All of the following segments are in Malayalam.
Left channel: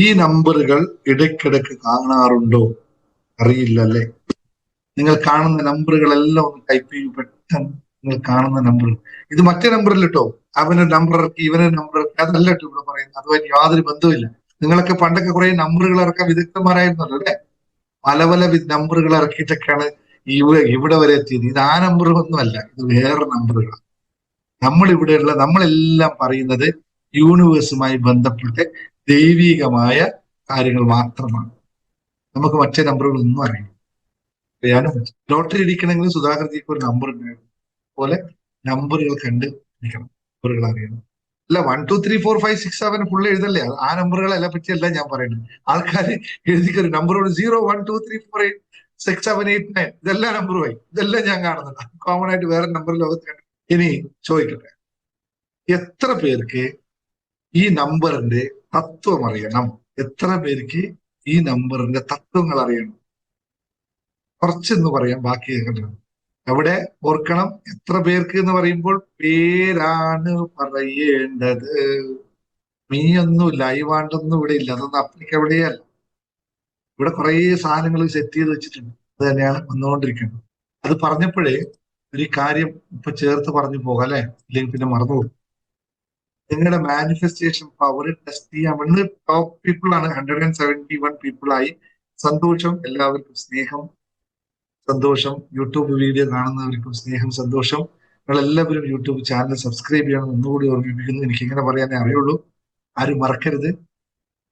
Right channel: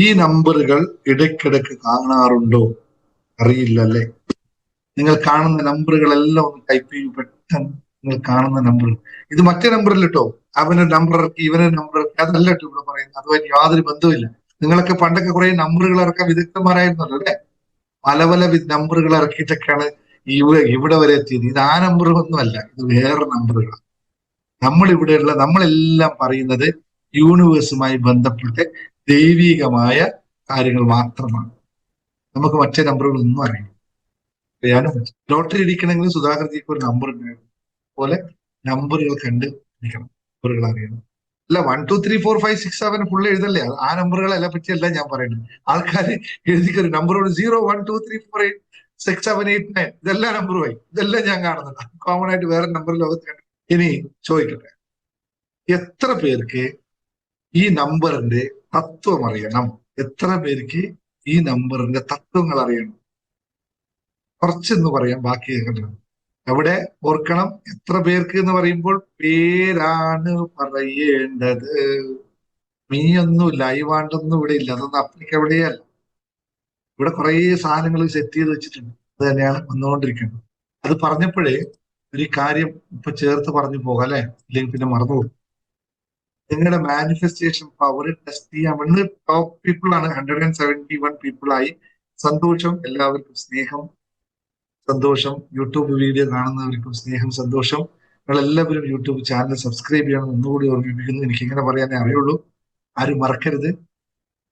ഈ നമ്പറുകൾ ഇടയ്ക്കിടയ്ക്ക് കാണാറുണ്ടോ? അറിയില്ല അല്ലേ? നിങ്ങൾ കാണുന്ന നമ്പറുകളെല്ലാം ഒന്ന് ടൈപ്പ് ചെയ്യും പെട്ടെന്ന്. നിങ്ങൾ കാണുന്ന നമ്പർ ഇത് മറ്റേ നമ്പറിൽ കേട്ടോ. അവന് നമ്പർ ഇറക്കി, ഇവന് നമ്പർ ഇറക്കി, അതല്ല കേട്ടോ ഇവിടെ പറയുന്നത്. അതുമായിട്ട് യാതൊരു ബന്ധവുമില്ല. നിങ്ങളൊക്കെ പണ്ടൊക്കെ കുറെ നമ്പറുകൾ ഇറക്കാൻ വിദഗ്ധന്മാരായിരുന്നല്ലോ അല്ലെ? പല പല നമ്പറുകൾ ഇറക്കിയിട്ടൊക്കെയാണ് ഇവിടെ വരെ എത്തിയത്. ഇത് ആ നമ്പറുകളൊന്നും അല്ല, ഇത് വേറെ നമ്പറുകൾ. നമ്മളെല്ലാം പറയുന്നത് യൂണിവേഴ്സുമായി ബന്ധപ്പെട്ട് ദൈവികമായ കാര്യങ്ങൾ മാത്രമാണ്. നമുക്ക് മറ്റേ നമ്പറുകളൊന്നും അറിയില്ല. അറിയാനും ലോട്ടറി അടിക്കണമെങ്കിൽ സുധാകർജിക്ക് ഒരു നമ്പർ ഉണ്ടായിരുന്നു. പോലെ നമ്പറുകൾ കണ്ട് അടിക്കണം, നമ്പറുകൾ അറിയണം. അല്ല 1 2 3 4 5 6 7 ഫുള്ള് എഴുതല്ലേ? ആ നമ്പറുകളെ പറ്റിയല്ല ഞാൻ പറയുന്നത്. ആൾക്കാർ എഴുതിക്കൊരു നമ്പറോട് 0 1 2 3 4 5 6 7 8 9 ഇതെല്ലാം നമ്പറുമായി. ഇതെല്ലാം ഞാൻ കാണുന്നുണ്ട്. കോമൺ ആയിട്ട് വേറെ നമ്പർ ലോകത്ത് കണ്ടു. ഇനി ചോദിക്കട്ടെ, എത്ര പേർക്ക് ഈ നമ്പറിന്റെ തത്വം അറിയണം? എത്ര പേർക്ക് ഈ നമ്പറിന്റെ തത്വങ്ങൾ അറിയണം? കുറച്ചെന്ന് പറയാം, ബാക്കി കേൾക്കണം. അവിടെ ഓർക്കണം, എത്ര പേർക്ക് എന്ന് പറയുമ്പോൾ പേരാണ് പറയേണ്ടത്. മീയൊന്നുമില്ല, അയവാണ്ടൊന്നും ഇവിടെ ഇല്ല. അതൊന്നും അപ്ലിക്കബിളേ അല്ല. ഇവിടെ കുറെ സാധനങ്ങൾ സെറ്റ് ചെയ്ത് വെച്ചിട്ടുണ്ട്. അത് തന്നെയാണ് വന്നുകൊണ്ടിരിക്കുന്നത്. അത് പറഞ്ഞപ്പോഴേ ഒരു കാര്യം ഇപ്പൊ ചേർത്ത് പറഞ്ഞു പോകാം അല്ലെ? ഇല്ലെങ്കിൽ പിന്നെ മറന്നുപോകും. നിങ്ങളുടെ മാനിഫെസ്റ്റേഷൻ പവർ ടെസ്റ്റ് ചെയ്യാൻ വേണ്ടി ടോപ്പ് പീപ്പിൾ ആണ്. 171 പീപ്പിൾ ആയി. സന്തോഷം, എല്ലാവർക്കും സ്നേഹം, സന്തോഷം. യൂട്യൂബ് വീഡിയോ കാണുന്നവർക്കും സ്നേഹം, സന്തോഷം. നിങ്ങൾ എല്ലാവരും യൂട്യൂബ് ചാനൽ സബ്സ്ക്രൈബ് ചെയ്യണം ഒന്നുകൂടി ഓർമ്മിപ്പിക്കുന്നു. എനിക്ക് ഇങ്ങനെ പറയാനേ അറിയുള്ളൂ. ആരും മറക്കരുത്,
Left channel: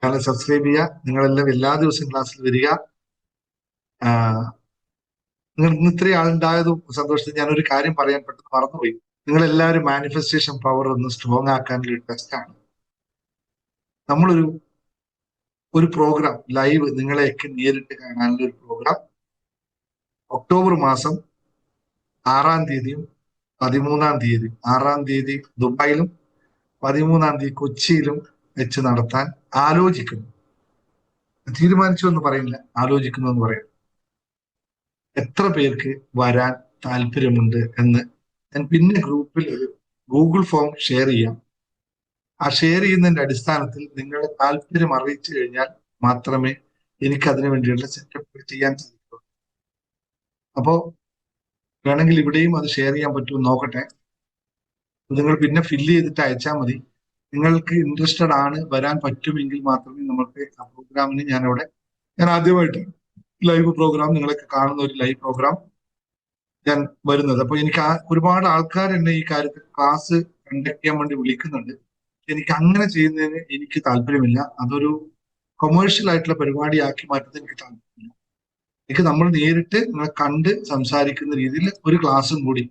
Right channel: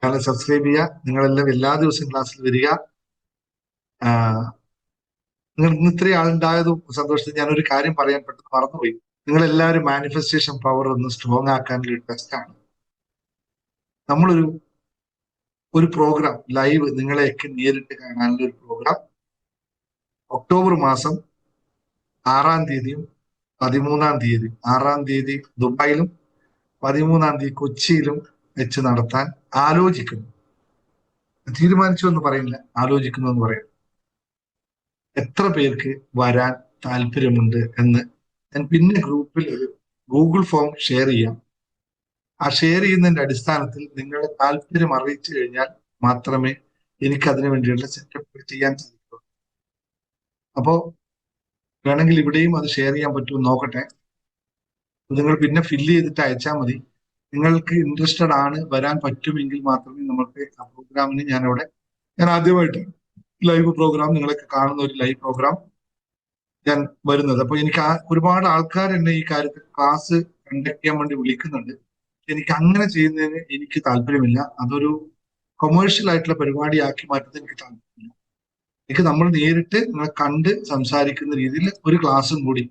ചാനൽ സബ്സ്ക്രൈബ് ചെയ്യുക. നിങ്ങളെല്ലാം എല്ലാ ദിവസവും ക്ലാസ്സിൽ വരിക. നിങ്ങൾ ഇന്ന് ഇത്രയും ആളുണ്ടായതും സന്തോഷത്തിൽ ഞാനൊരു കാര്യം പറയാൻ പെട്ടെന്ന് മറന്നുപോയി. നിങ്ങൾ എല്ലാവരും മാനിഫെസ്റ്റേഷൻ പവർ ഒന്ന് സ്ട്രോങ് ആക്കാനുള്ള ടെസ്റ്റാണ്. നമ്മളൊരു പ്രോഗ്രാം ലൈവ് നിങ്ങളെയൊക്കെ നേരിട്ട് കാണാനുള്ള ഒരു പ്രോഗ്രാം ഒക്ടോബർ മാസം 6-ാം തീയതിയും 13-ാം തീയതി, 6-ാം തീയതി ദുബായിലും 13-ാം തീയതി കൊച്ചിയിലും വെച്ച് നടത്താൻ ആലോചിക്കുന്നു. തീരുമാനിച്ചു എന്ന് പറയുന്നില്ല, ആലോചിക്കുന്നു എന്ന് പറയും. എത്ര പേർക്ക് വരാൻ താല്പര്യമുണ്ട് എന്ന് ഞാൻ പിന്നെ ഗ്രൂപ്പിൽ ഒരു ഗൂഗിൾ ഫോം ഷെയർ ചെയ്യാം. ആ ഷെയർ ചെയ്യുന്നതിന്റെ അടിസ്ഥാനത്തിൽ നിങ്ങളുടെ താല്പര്യം അറിയിച്ചു കഴിഞ്ഞാൽ മാത്രമേ എനിക്ക് അതിനു വേണ്ടിയുള്ള സെറ്റപ്പ് ചെയ്യാൻ സാധിക്കൂ. അപ്പോ വേണമെങ്കിൽ ഇവിടെയും അത് ഷെയർ ചെയ്യാൻ പറ്റുമെന്ന് നോക്കട്ടെ. നിങ്ങൾ പിന്നെ ഫില്ല് ചെയ്തിട്ട് അയച്ചാൽ മതി. നിങ്ങൾക്ക് ഇൻട്രസ്റ്റഡ് ആണ്, വരാൻ പറ്റുമെങ്കിൽ മാത്രമേ നമുക്ക് ആ പ്രോഗ്രാമിന് ഞാൻ ആദ്യമായിട്ട് ലൈവ് പ്രോഗ്രാം, നിങ്ങളൊക്കെ കാണുന്ന ഒരു ലൈവ് പ്രോഗ്രാം ഞാൻ വരുന്നത്. അപ്പൊ എനിക്ക് ഒരുപാട് ആൾക്കാർ എന്നെ ഈ കാര്യത്തിൽ ക്ലാസ് കണ്ടക്ട് ചെയ്യാൻ വേണ്ടി വിളിക്കുന്നുണ്ട്. എനിക്ക് അങ്ങനെ ചെയ്യുന്നതിന് എനിക്ക് താല്പര്യമില്ല. അതൊരു കൊമേഴ്ഷ്യൽ ആയിട്ടുള്ള പരിപാടിയാക്കി മാറ്റുന്നത് എനിക്ക് താല്പര്യമില്ല. എനിക്ക് നമ്മൾ നേരിട്ട് നിങ്ങളെ കണ്ട് സംസാരിക്കുന്ന രീതിയിൽ ഒരു ക്ലാസ്സും കൂടി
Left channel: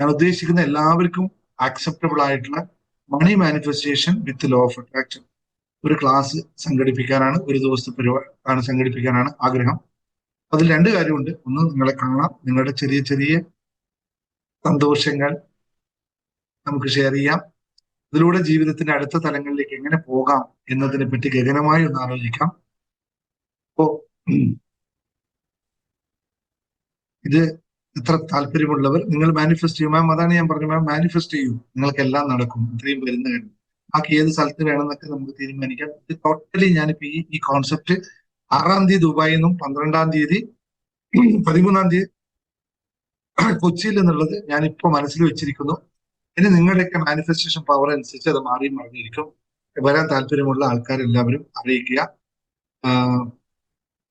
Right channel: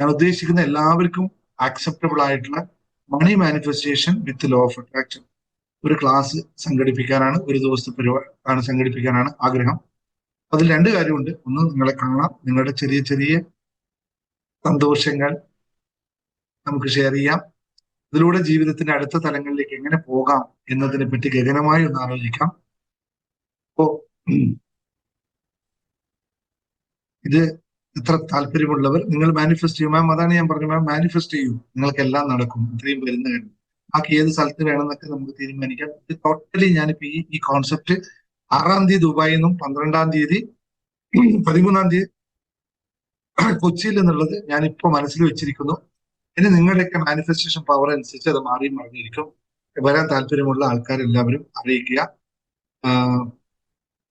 ഞാൻ ഉദ്ദേശിക്കുന്ന എല്ലാവർക്കും ആക്സെപ്റ്റബിൾ ആയിട്ടുള്ള money manifestation with law of attraction ഒരു ക്ലാസ് സംഘടിപ്പിക്കാനാണ്, ഒരു ദിവസത്തെ പരിപാടി സംഘടിപ്പിക്കാനാണ് ആഗ്രഹം. അതിൽ രണ്ട് കാര്യമുണ്ട്. ഒന്ന്, നിങ്ങളെ കാണാം, നിങ്ങളുടെ ചെറിയ ചെറിയ സന്തോഷങ്ങൾ നമുക്ക് ഷെയർ ചെയ്യാം. ഇതിലൂടെ ജീവിതത്തിന്റെ അടുത്ത തലങ്ങളിലേക്ക് എങ്ങനെ പോകാം എന്നതിനെ പറ്റി ഗഹനമായി ഒന്ന് ആലോചിക്കാം. അപ്പോ ഇത് ഇത്ര താല്പര്യമുള്ളവർ നിങ്ങൾ മാനിഫെസ്റ്റ് ചെയ്യും. മാം അതാണ് ഞാൻ പറഞ്ഞു, മാം മാനിഫെസ്റ്റ് ചെയ്യൂ, നിങ്ങൾക്ക് എല്ലാം നടക്കും. ഇത്രയും വരുന്ന കാര്യം ബാക്കി ഏത് സ്ഥലത്ത് വേണമെന്നൊക്കെ നമുക്ക് തീരുമാനിക്കാം. ഇത് ടോട്ടലി ഞാനിപ്പോ ഈ കോൺസെപ്റ്റ് 6-ാം തീയതി ദുബായിൽ നിന്നും 12-ാം തീയതി 13-ാം തീയതി കൊച്ചിയിൽ എന്നുള്ളത് ഞാനിപ്പോ മനസ്സിൽ വെച്ചിരിക്കുന്നു. ഇനി നിങ്ങളുടെയൊക്കെ മാനിഫെസ്റ്റേഷൻ പവർ അനുസരിച്ച് അത് മാറി മറിഞ്ഞിരിക്കും. വരാൻ താല്പര്യമുള്ള ആൾക്കാരെല്ലാവരും അറിയിക്കുക.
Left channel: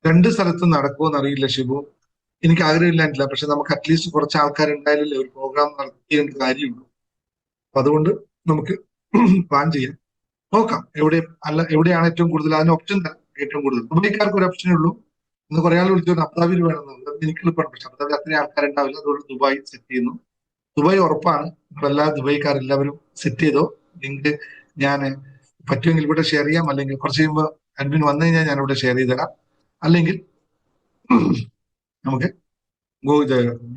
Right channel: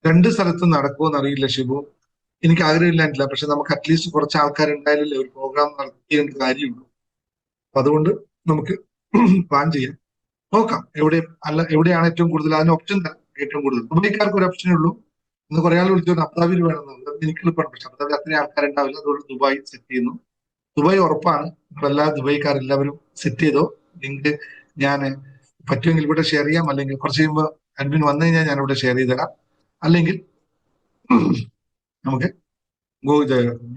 രണ്ട് സ്ഥലത്തും നടക്കുമെന്ന് അറിയില്ല ഷിബു, എനിക്ക് ആഗ്രഹമില്ല. പക്ഷെ നമുക്ക് അറ്റ്ലീസ്റ്റ് കുറച്ച് ആൾക്കാരുണ്ടായാലല്ലേ ഒരു പ്രോഗ്രാം നടത്തിയേണ്ട കാര്യമുള്ളൂ. അപ്പൊ അതുകൊണ്ട് നമുക്ക് പ്ലാൻ ചെയ്യാം, നോക്കാം. എവിടെയാണ് ഏറ്റവും കൂടുതൽ, അതിന് ഓപ്ഷൻ ഏറ്റവും കൂടുതൽ ദുബൈക്കാർക്ക് ഒരു ഓപ്ഷനേ ഉള്ളൂ. ഇന്ന് കുറെ ആൾ വിളിച്ചു അബുദാബിയിൽ വേണമെന്നുണ്ട്. എനിക്ക് എളുപ്പമാണ്, പക്ഷെ അബുദാബി അത്രയും ആൾക്കാരുണ്ടാവില്ല. അതുകൊണ്ട് ദുബായ് സെറ്റ് ചെയ്യുന്നു. ദുബായ് ഉറപ്പാണ്. ഇപ്പൊ എല്ലാ ദുബൈക്കാരെല്ലാവരും സെറ്റ് ചെയ്തോ. ലിങ്ക് ഞാൻ പറ്റുമെങ്കിൽ ഇവിടെ ഷെയർ ചെയ്യാം, അല്ലെങ്കിൽ കുറച്ച് കഴിയുമ്പോൾ അഡ്മിൻ വന്നു കഴിഞ്ഞാൽ ഞാൻ ഇവിടെ ഷെയർ ചെയ്ത് തരാം. അല്ലെങ്കിൽ നമുക്ക്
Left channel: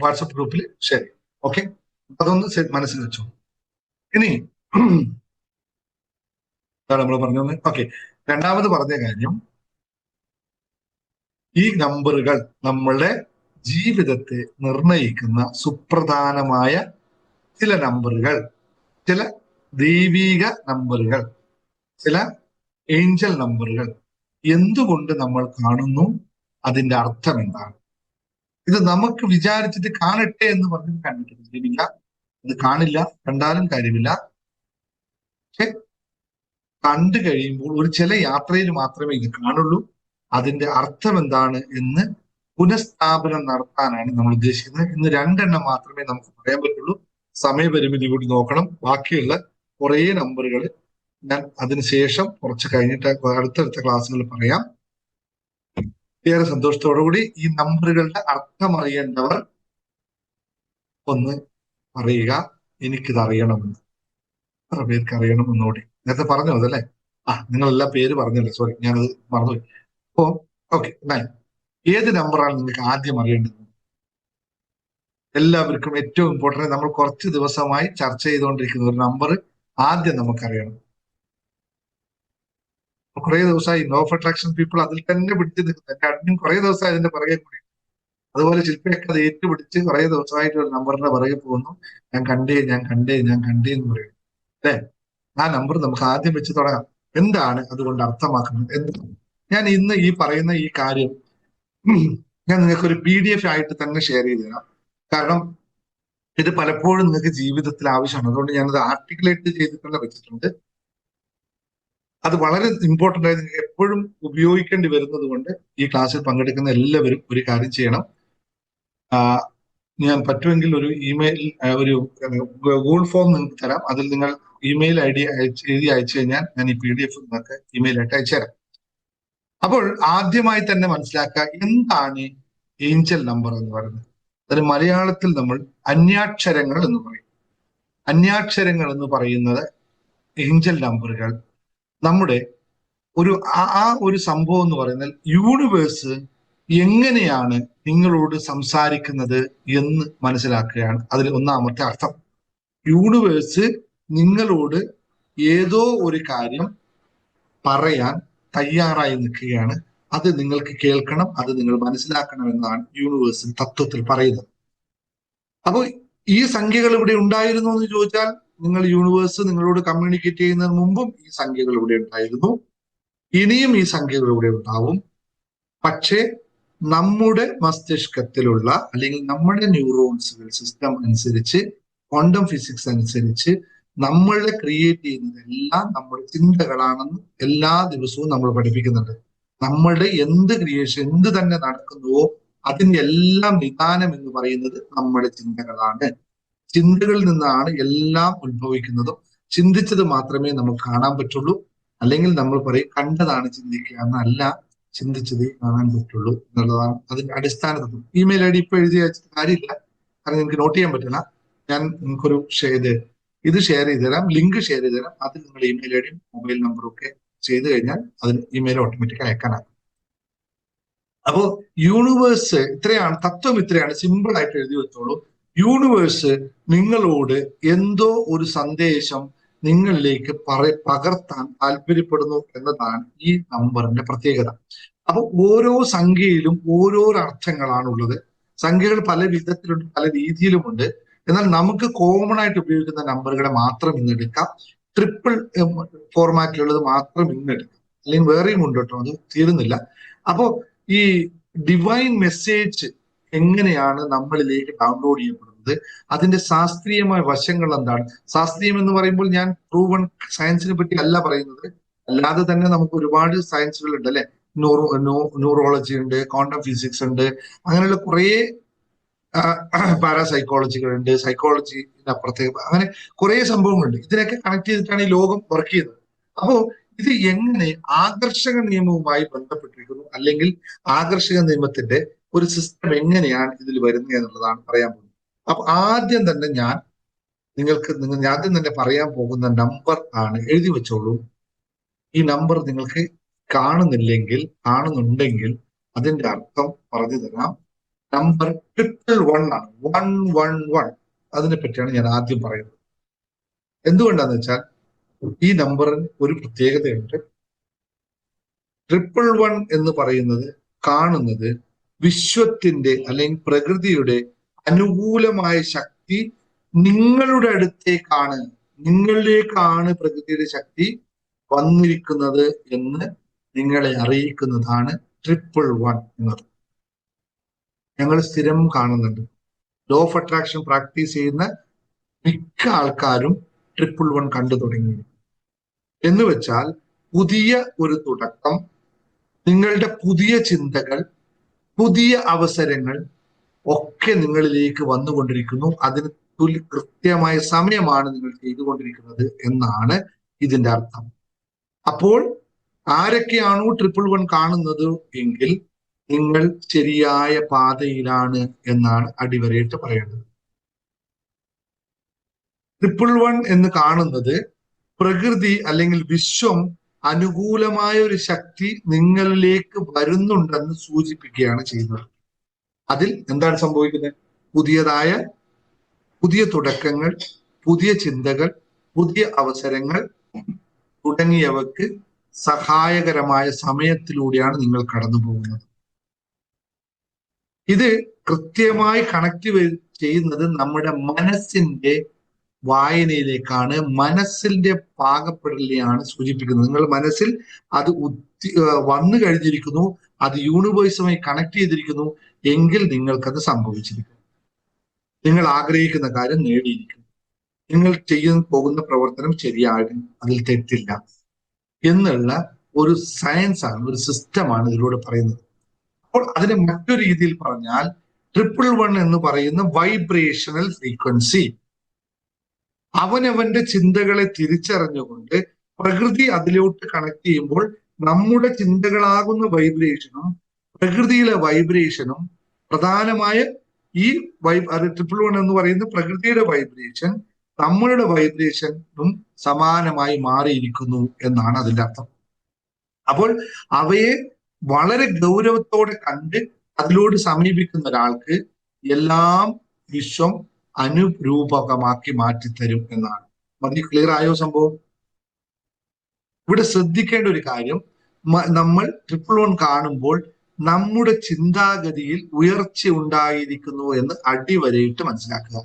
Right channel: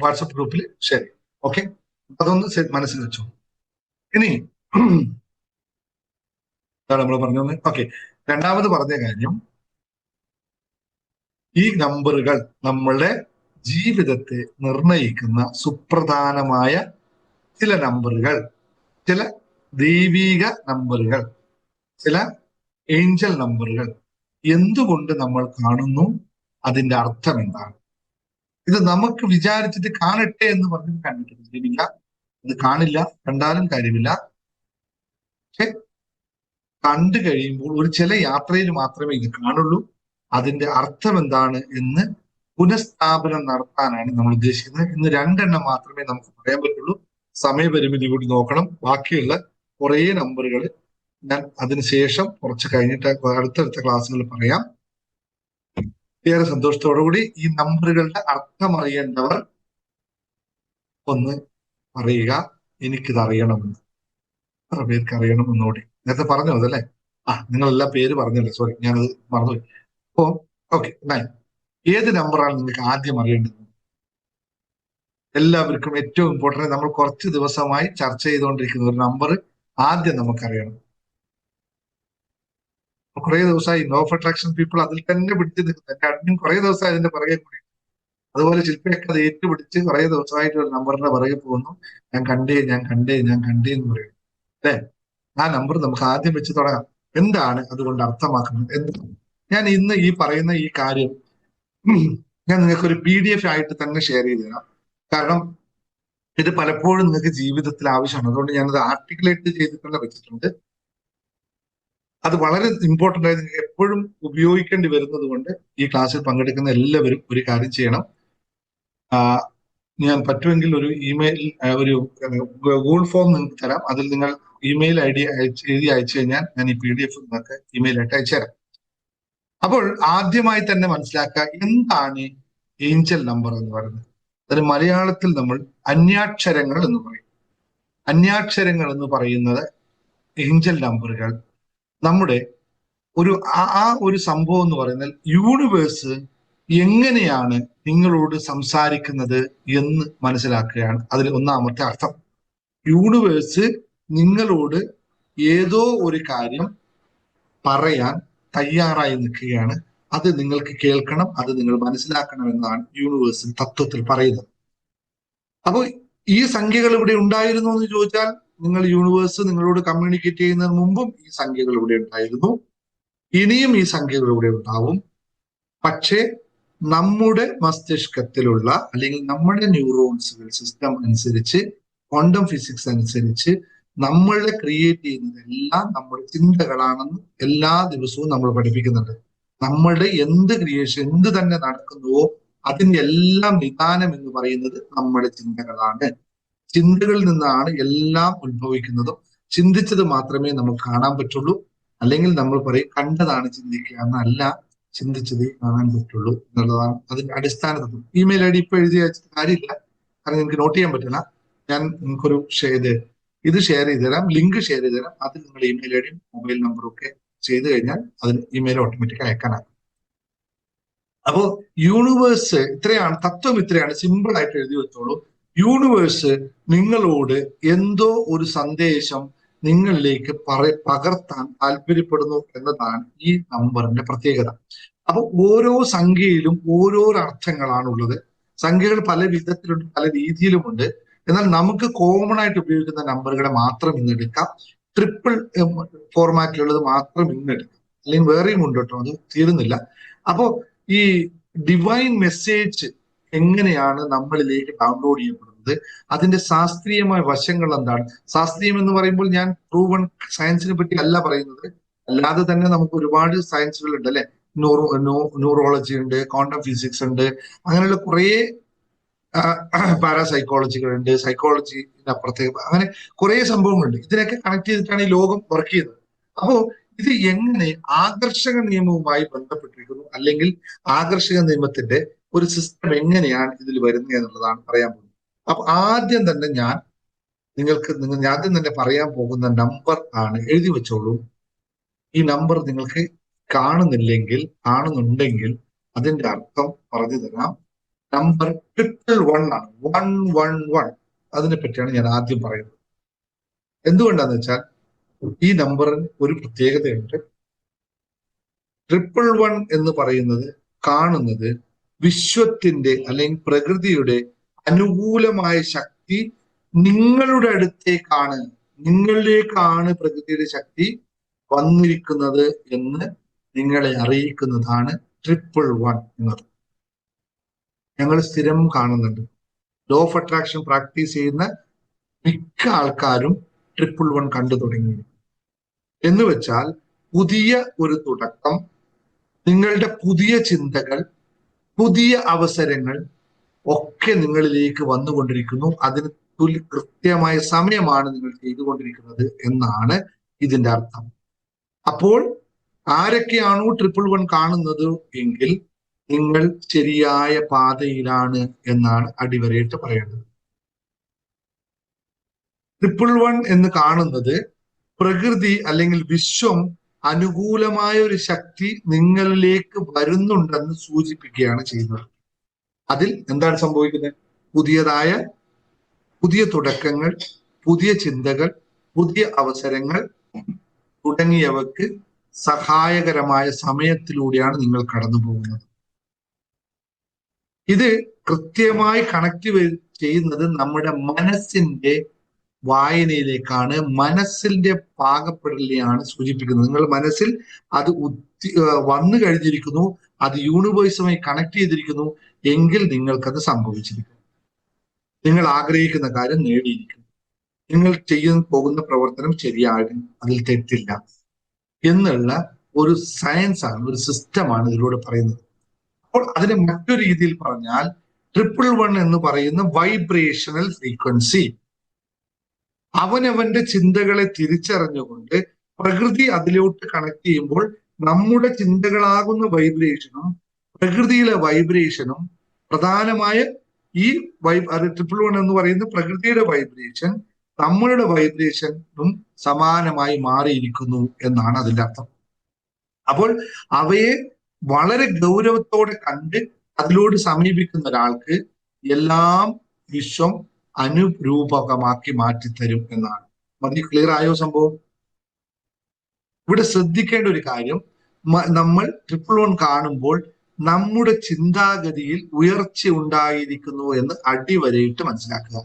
വാട്സപ്പ് ഗ്രൂപ്പിൽ ഷെയർ ചെയ്യാം. ഓക്കെ, അതൊന്ന് മനസ്സിൽ വെച്ചു. ഇനി നമ്മൾ പറഞ്ഞത് ഓക്കെ. രണ്ടാമത് പറഞ്ഞ കാര്യം, ഈ നമ്പറുകൾ നമ്മളുടെ ജീവിതത്തെ നിർണയിക്കുന്ന സുപ്രധാനമായ ചില നമ്പറുകൾ, ചില ദൈവിക നമ്പറുകൾ, ചില ഏഞ്ചൽ നമ്പറുകൾ എന്തുകൊണ്ട് നമ്മൾ കാണുന്നു, അതിന്റെ അർത്ഥം എന്താണ്? ഇത് നമുക്ക് വിചാരിച്ചിട്ട് കാണട്ടെ എന്ന് പറഞ്ഞ് കണ്ടിട്ട് കാര്യമില്ല. ഇത് കാണില്ല, കണ്ടാലും കാര്യമില്ല. പക്ഷെ കണ്ടു കഴിയുമ്പോൾ ഒരു ചില യാത്രയിൽ മാത്രമേ ഇത് കാണുള്ളൂ. അതിന്റെ അർത്ഥം എന്താണ് എന്ന് പുനഃസ്ഥാപനം നടത്താനാണ് നമ്മൾ ഉദ്ദേശിക്കുന്നത്. ഇന്ന് 2 മാത്രമേ നമുക്ക് പറയാൻ പറ്റുള്ളൂ. സമയപരിമിതി കൂടി നോക്കണം. ബാക്കിയുള്ള കുറേ നമ്പറുകൾ ഞാൻ അതിനുശേഷം കുറച്ച് കഴിഞ്ഞിട്ട് അടുത്തടുത്ത ക്ലാസ്സുകളിൽ പറയാം. ഏറെ സന്തോഷത്തോടു കൂടി ഈ നമ്പറുകളുടെ അർത്ഥം അറിയേണ്ടവർ ഒന്ന് പറയുക, എനിക്കിത് അറിയണമെന്ന്. എത്ര പേർക്ക് അറിയണമെന്നോടി നേരത്തെ പറഞ്ഞു അതല്ലേ? നിങ്ങളെല്ലാം പേര് പറഞ്ഞല്ലേ, സോറി ഞാനത് മറന്നുപോയി. അപ്പോ ഓക്കെ, 9 ഏത് നമ്പറാണ് നിങ്ങൾക്ക് ആദ്യം അറിയേണ്ടത്? എല്ലാവർക്കും ഏറ്റവും ഇമ്പോർട്ടന്റ്, നമ്മൾ കുറച്ച് ദിവസമായി ചർച്ച ചെയ്തുകൊണ്ടിരിക്കുന്ന ഒരു നമ്പർ ആദ്യം നമുക്കറിയണം. കുറെ ദിവസമായി ലോ ഓഫ് അട്രാക്ഷൻ പീപ്പിൾ അതിൽ തന്നെ പിടിച്ചു നിൽക്കുന്നത്. എന്റെ അഡ്മിൻ കുറെ ദിവസമായി അതിന്റെ പുറകെ കൂടി. അതുപോലെ ശില്പയൊക്കെ അത് ഏറ്റുപിടിച്ച് കുറെ ദിവസമായിട്ട് ഒരു നമ്പറിന്റെ പുറകെ പോകുന്നു. ഞാൻ കണ്ടേ എന്ന് പറയും അല്ലെ? ആ നമ്പർ നമുക്ക് ആദ്യം വെച്ച് തുടങ്ങാം. എന്താണ് അതുകൊണ്ട് അർത്ഥമാക്കുന്നത്? എന്താണ് ഞാൻ ഇന്ന് ഈ പറയുന്ന ഈ കാര്യം ഞാൻ നിങ്ങൾക്ക് ഒരു PDF ആയിട്ട് തന്നെ ഷെയർ ചെയ്ത് തരാം. കാരണം ഇത് പലപ്പോഴും നിങ്ങൾക്ക് ജീവിതത്തിൽ ആവശ്യമാണ്. അതുകൊണ്ട് ഞാനത് ആർട്ടിക്കുലേറ്റ് ചെയ്തിട്ട് തന്നെ വെച്ചിട്ടുണ്ട്. അത് വളരെ ഇമ്പോർട്ടന്റ് ആയി നിങ്ങൾക്ക് എപ്പോഴും ഉപയോഗിക്കേണ്ടി വരുന്നത് കൊണ്ട് ഈ ക്ലാസ്സിൽ പങ്കെടുക്കുന്ന എല്ലാവരും ഒരു കാര്യം ചെയ്യണം. ഞാൻ പറ്റുമെങ്കിൽ ഒരു ഇമെയിൽ, ഒരു ഗൂഗിൾ ഫോം നിങ്ങൾക്ക് തരാം. അതിൽ നിങ്ങൾ ഇമെയിൽ ID എഴുതി അയച്ചു കഴിഞ്ഞാൽ ഞാൻ ഈ PDF നിങ്ങൾക്ക് ഇമെയിലായിട്ട് അയച്ചു തരാം. അപ്പോൾ ആദ്യമായി തന്നെ മനസ്സിലാക്കുക, എന്താണ് ഏഞ്ചൽ നമ്പർ എന്ന് പറയുന്നത്? അതിന് മലയാളത്തിൽ നമ്മൾ അന്യാക്ഷരങ്ങൾ എന്ന് പറയും. അന്യാക്ഷരങ്ങൾ എന്ന് പറയുന്നത് ഏഞ്ചൽ നമ്പറുകൾ നമ്മുടെ ഒരു സംഭവം എന്ന് പറയുന്നത് യൂണിവേഴ്സ് എങ്ങനെയാണ് നിങ്ങളോട് സംസാരിക്കുന്നത് എന്ന് മനസ്സിലാക്കുകയാണ് അതിൽ ഒന്നാമത്തെ അർത്ഥം. യൂണിവേഴ്സ് നിങ്ങളോട് ഏതോ ഒരു കാര്യം പറയാൻ തയ്യാറായി നിൽക്കുകയാണ്. അത് നിങ്ങൾക്ക് കേൾക്കണം, അത് നിങ്ങൾ മനസ്സിലാക്കണം എന്നാണ് യൂണിവേഴ്സിൽ തത്വത്തിൽ പറയുന്നത്. അപ്പോൾ ഈ സംഖ്യകൾ ഇവിടെ ഉണ്ടായിരുന്നു എന്ന് ചോദിച്ചാൽ, നിങ്ങൾ യൂണിവേഴ്സ് നിങ്ങളോട് കമ്മ്യൂണിക്കേറ്റ് ചെയ്യുന്നതിന് മുമ്പും ഈ സംഖ്യകൾ ഇവിടെ ഉണ്ടായിരുന്നു, ഇനിയും ഈ സംഖ്യകൾ ഇവിടെ ഉണ്ടാവും. പക്ഷേ നമ്മുടെ മസ്തിഷ്കത്തിലുള്ള അല്ലെങ്കിൽ നമ്മുടെ ന്യൂറോൺസുകൾ സിസ്റ്റം അനുസരിച്ച്, ക്വാണ്ടം ഫിസിക്സ് അനുസരിച്ച് നമ്മളെ ക്രിയേറ്റ് ചെയ്യുന്നതെല്ലാം നമ്മുടെ ചിന്തകളാണെന്ന് എല്ലാ ദിവസവും നമ്മൾ പഠിപ്പിക്കുന്നുണ്ട്. നമ്മളുടെ എന്ത് ക്രിയേഷൻ, എന്ത് തന്നെ നടക്കുന്നുവോ അതിന്റെ എല്ലാം നിദാനം എന്ന് പറയുന്നത് നമ്മുടെ ചിന്തകളാണ്. ചിന്തകളിൽ നിന്നാണ് എല്ലാം ഉത്ഭവിക്കുന്നതും. ചിന്തിച്ചത് മാത്രമേ നമുക്ക് കാണാൻ പറ്റുള്ളൂ. അല്ലെങ്കിൽ നമ്മൾ പറയും കണ്ടതാണ് ചിന്തിക്കുക എന്നല്ല, ചിന്തിച്ചതേ കാണാൻ പറ്റുള്ളൂ എന്നുള്ളതാണ് അതിന്റെ അടിസ്ഥാന തത്വം. ഇമെയിൽ ID ഇപ്പൊ എഴുതി അയച്ചിട്ട് കാര്യമില്ല, കാരണം എനിക്ക് നോട്ട് ചെയ്യാൻ പറ്റില്ല. ഞാൻ നിങ്ങൾക്കൊരു ഇത് ഷെയർ ചെയ്ത് തരാം, ലിങ്ക് ഷെയർ ചെയ്ത് തരാം. അതിൽ നിങ്ങൾ ഇമെയിൽ ID മൊബൈൽ നമ്പറും ഒക്കെ ചെയ്ത് കഴിഞ്ഞാൽ അതിന് ഇമെയിൽ ഓട്ടോമാറ്റിക് അയക്കാനാകും. അപ്പോ യൂണിവേഴ്സ് ഇത്രയാണ്, തത്വം ഇത്രയാണ്, സിമ്പിൾ ആയിട്ട് എഴുതി വെച്ചോളൂ. യൂണിവേഴ്സ് നിങ്ങളോട് എന്തോ ഒരു സന്ദേശം നിങ്ങളിലേക്ക് പകർത്താൻ താല്പര്യപ്പെടുന്നു എന്നതാണ് ഈ നമ്പറിന്റെ പ്രത്യേകത. അപ്പൊ ഓരോ സംഖ്യയിലും ഓരോരോ അർത്ഥങ്ങളാണ് ഉള്ളത്. സംഖ്യകൾ പല വിധത്തിലുണ്ട്, പല രീതിയിലുമുണ്ട്. എന്നാൽ നമുക്ക് കോമൺ ആയിട്ട് ഉപയോഗിക്കുന്ന നമ്പറുകളെ മാത്രം ഇന്ന് എടുക്കാം. ട്രിപ്പിൾ ഫോർമാറ്റിലുള്ളത് മാത്രം ഇന്ന് എടുക്കാം. അല്ലെങ്കിൽ വേറെയും ഉണ്ട് കേട്ടോ, അത് തീരുന്നില്ല. അപ്പോ ഈ ഡിവൈൻ മെസ്സേജ് എങ്ങനെയാണ് നമ്മളിലേക്ക് ഡൗൺലോഡ് ചെയ്യപ്പെടുന്നത്, അതിന്റെ ശാസ്ത്രീയമായ വശങ്ങൾ എന്താണ്? ശാസ്ത്രീയം എന്ന് പറയുമ്പോൾ ഞാൻ പ്രൂവൺ സയൻസിനെ പറ്റി അല്ല പറയുന്നത്. അല്ലാതെ തന്നെ നമുക്ക് ഒരുപാട് സയൻസുകൾ ഉണ്ട് അല്ലെ? ന്യൂറോളജി ഉണ്ട്, ക്വാണ്ടം ഫിസിക്സ് ഉണ്ട്, അങ്ങനെയുള്ള കുറേ പാരാസൈക്കോളജികളുണ്ട്, സൈക്കോളജിന്റെ അപ്പുറത്തേക്ക് അങ്ങനെ കുറെ സംഭവങ്ങളുണ്ട്. ഇതിനൊക്കെ കണക്ട് ചെയ്തിട്ടാണ് ഈ ലോകം വർക്ക് ചെയ്യുന്നത്. അപ്പോ ഇത് എങ്ങനെ ആകർഷക നിയമവുമായി ബന്ധപ്പെട്ടിരിക്കുന്നു, അല്ലെങ്കിൽ ആകർഷക നിയമത്തിന്റെ ഒരു സിസ്റ്റം എങ്ങനെയാണ് ഇതിൽ വരുന്നത് എന്നുള്ളതാണ് പറയാൻ പോകുന്നത്. അപ്പൊ ആദ്യം തന്നെ ഞാൻ ആദ്യം തന്നെ പറയാൻ പോകുന്ന നമ്പർ ആണ്, എഴുതി വെച്ചോളൂ. ഈ നമ്പർ നിങ്ങൾക്ക് കാണുന്നുണ്ടെങ്കിൽ അതിന്റെ അർത്ഥം പറഞ്ഞു തരാം. നമ്പർ 111 ആണ്. 111 അതിനെ പറ്റിയാണ് ഞാൻ ആദ്യം പറയുന്നത്. എന്തുകൊണ്ടാന്ന് വെച്ചാൽ ഈ നമ്പറിന് ഒരു പ്രത്യേകതയുണ്ട്. 111 എന്ന് പറയുന്നത് കാണുന്നത് വിശ്വത്തിന്റെ അല്ലെങ്കിൽ പ്രകൃതിയുടെ അനുകൂലമായ ശക്തി നിങ്ങളുടെ അടുത്തേക്കാണ്. നിങ്ങളിലേക്കാണ് പ്രകൃതിയുടെ ശക്തി വന്നിരിക്കുന്നത് എന്ന് നിങ്ങളെ അറിയിക്കുന്നതാണ് 111 എന്നത്. ഞങ്ങൾ സ്ഥിരം കാണുന്നുണ്ട്. ലോ ഓഫ് അട്രാക്ഷൻ പ്രാക്ടീസ് ചെയ്യുന്ന മിക്ക ആൾക്കാരും 111 കണ്ടു തുടങ്ങി. എന്ന് വെച്ചാൽ പുതിയ ഒരു തുടക്കം, നിങ്ങളുടെ പുതിയ ചിന്തകൾ, പുതിയ അവസരങ്ങൾ ഒക്കെ നിങ്ങളിലേക്ക് വന്നുകൊണ്ടിരിക്കുന്നു. അതിന് കൃത്യമായ സമയമാണ് നിങ്ങൾ ചെയ്തുകൊണ്ടിരിക്കുന്നത് എന്നാണ് ഇതിന്റെ അർത്ഥം. അപ്പോൾ ആരൊക്കെയാണോ 111 കാണുന്നത് എങ്കിൽ നിങ്ങൾ ശരിയായ പാതയിലാണ് എന്നാണ് അടിവരയിട്ട് പറയുന്നത്. 111 എന്ന് കാണുന്നത് പ്രകൃതി അല്ലെങ്കിൽ വിശ്വം അനുകൂലമായ ഒരു ശക്തി നിങ്ങളിലേക്ക് വരുന്നുണ്ടെന്ന് സൂചിപ്പിക്കുകയാണ് ചെയ്യുന്നത്. അതിൽ എന്താണ് സംഭവിക്കുന്നത്? പുതിയ തുടക്കങ്ങൾ, പുതിയ ചിന്തകൾ, പുതിയ അവസരങ്ങൾ തുടങ്ങിയവക്ക് സഹായകരമായ സമയത്തിലൂടെയാണ് നിങ്ങൾ കടന്നു പോകുന്നത്. ഇത് കൃത്യമായി കണക്ട് ചെയ്യുന്നത് നമ്മുടെ മനസ്സിന്റെ വായനയിലേക്കാണ്, മനസ്സിന്റെ പാകപ്പെടലിനെയാണ് സൂചിപ്പിക്കുന്നത്. നിങ്ങൾ മനസ്സിൽ അത് വന്നു കഴിഞ്ഞിരിക്കുന്നു, അത് യൂണിവേഴ്സുമായി കണക്ട് ചെയ്തിരിക്കുന്നു എങ്കിൽ നിങ്ങൾക്കത് സംഭവിച്ചിരിക്കും. നിങ്ങൾ ആഗ്രഹിക്കുന്ന കാര്യം നേടിയിരിക്കും. നിങ്ങൾ ചെയ്യാൻ പോകുന്ന പ്രവർത്തനം ശരിയാണ്, അതിൽ തെറ്റില്ല എന്നുള്ള ഒരു സയൻസ് ആണ്, ഒരു സിസ്റ്റമാണ് ഇതിലൂടെ പറയുന്നത്. അപ്പോൾ അതിനെ മറ്റൊരു രീതിയിൽ പറഞ്ഞാൽ 111 എന്ന് പറയുന്ന വൈബ്രേഷണൽ ഫ്രീക്വൻസി. അവനവന്റെ ചിന്തകളെ തിരിച്ചറിഞ്ഞുകൊണ്ട് പ്രകൃതി അതിലോട്ട് കണക്ട് ചെയ്യുമ്പോൾ നമ്മുടെ ചിന്തകളാകുന്ന വൈബ്രേഷനും പ്രകൃതിയിലെ വൈബ്രേഷനും സമാനമായി മാറിയിരിക്കുന്നു എന്നാണ് അതിനർത്ഥം. അപ്പോൾ അവയെ വളരെ ഗൗരവത്തോടെ കണ്ട് അതിലോട് സമീപിക്കുന്ന ഒരാൾക്ക് എല്ലാം വിശ്വം അനുരൂപകമാക്കി മാറ്റിത്തരും എന്നാണ്. മതി, ക്ലിയർ ആയോ സംഭവം? ഇവിടെ ശ്രദ്ധിക്കേണ്ട ഒരു കാര്യം, നമ്മൾ 111 കാണുമ്പോൾ നമ്മുടെ ചിന്താഗതിയിൽ ഉയർച്ച ഉണ്ടായിരിക്കുന്നു എന്ന് അടിവരയിട്ട് മനസ്സിലാക്കുക.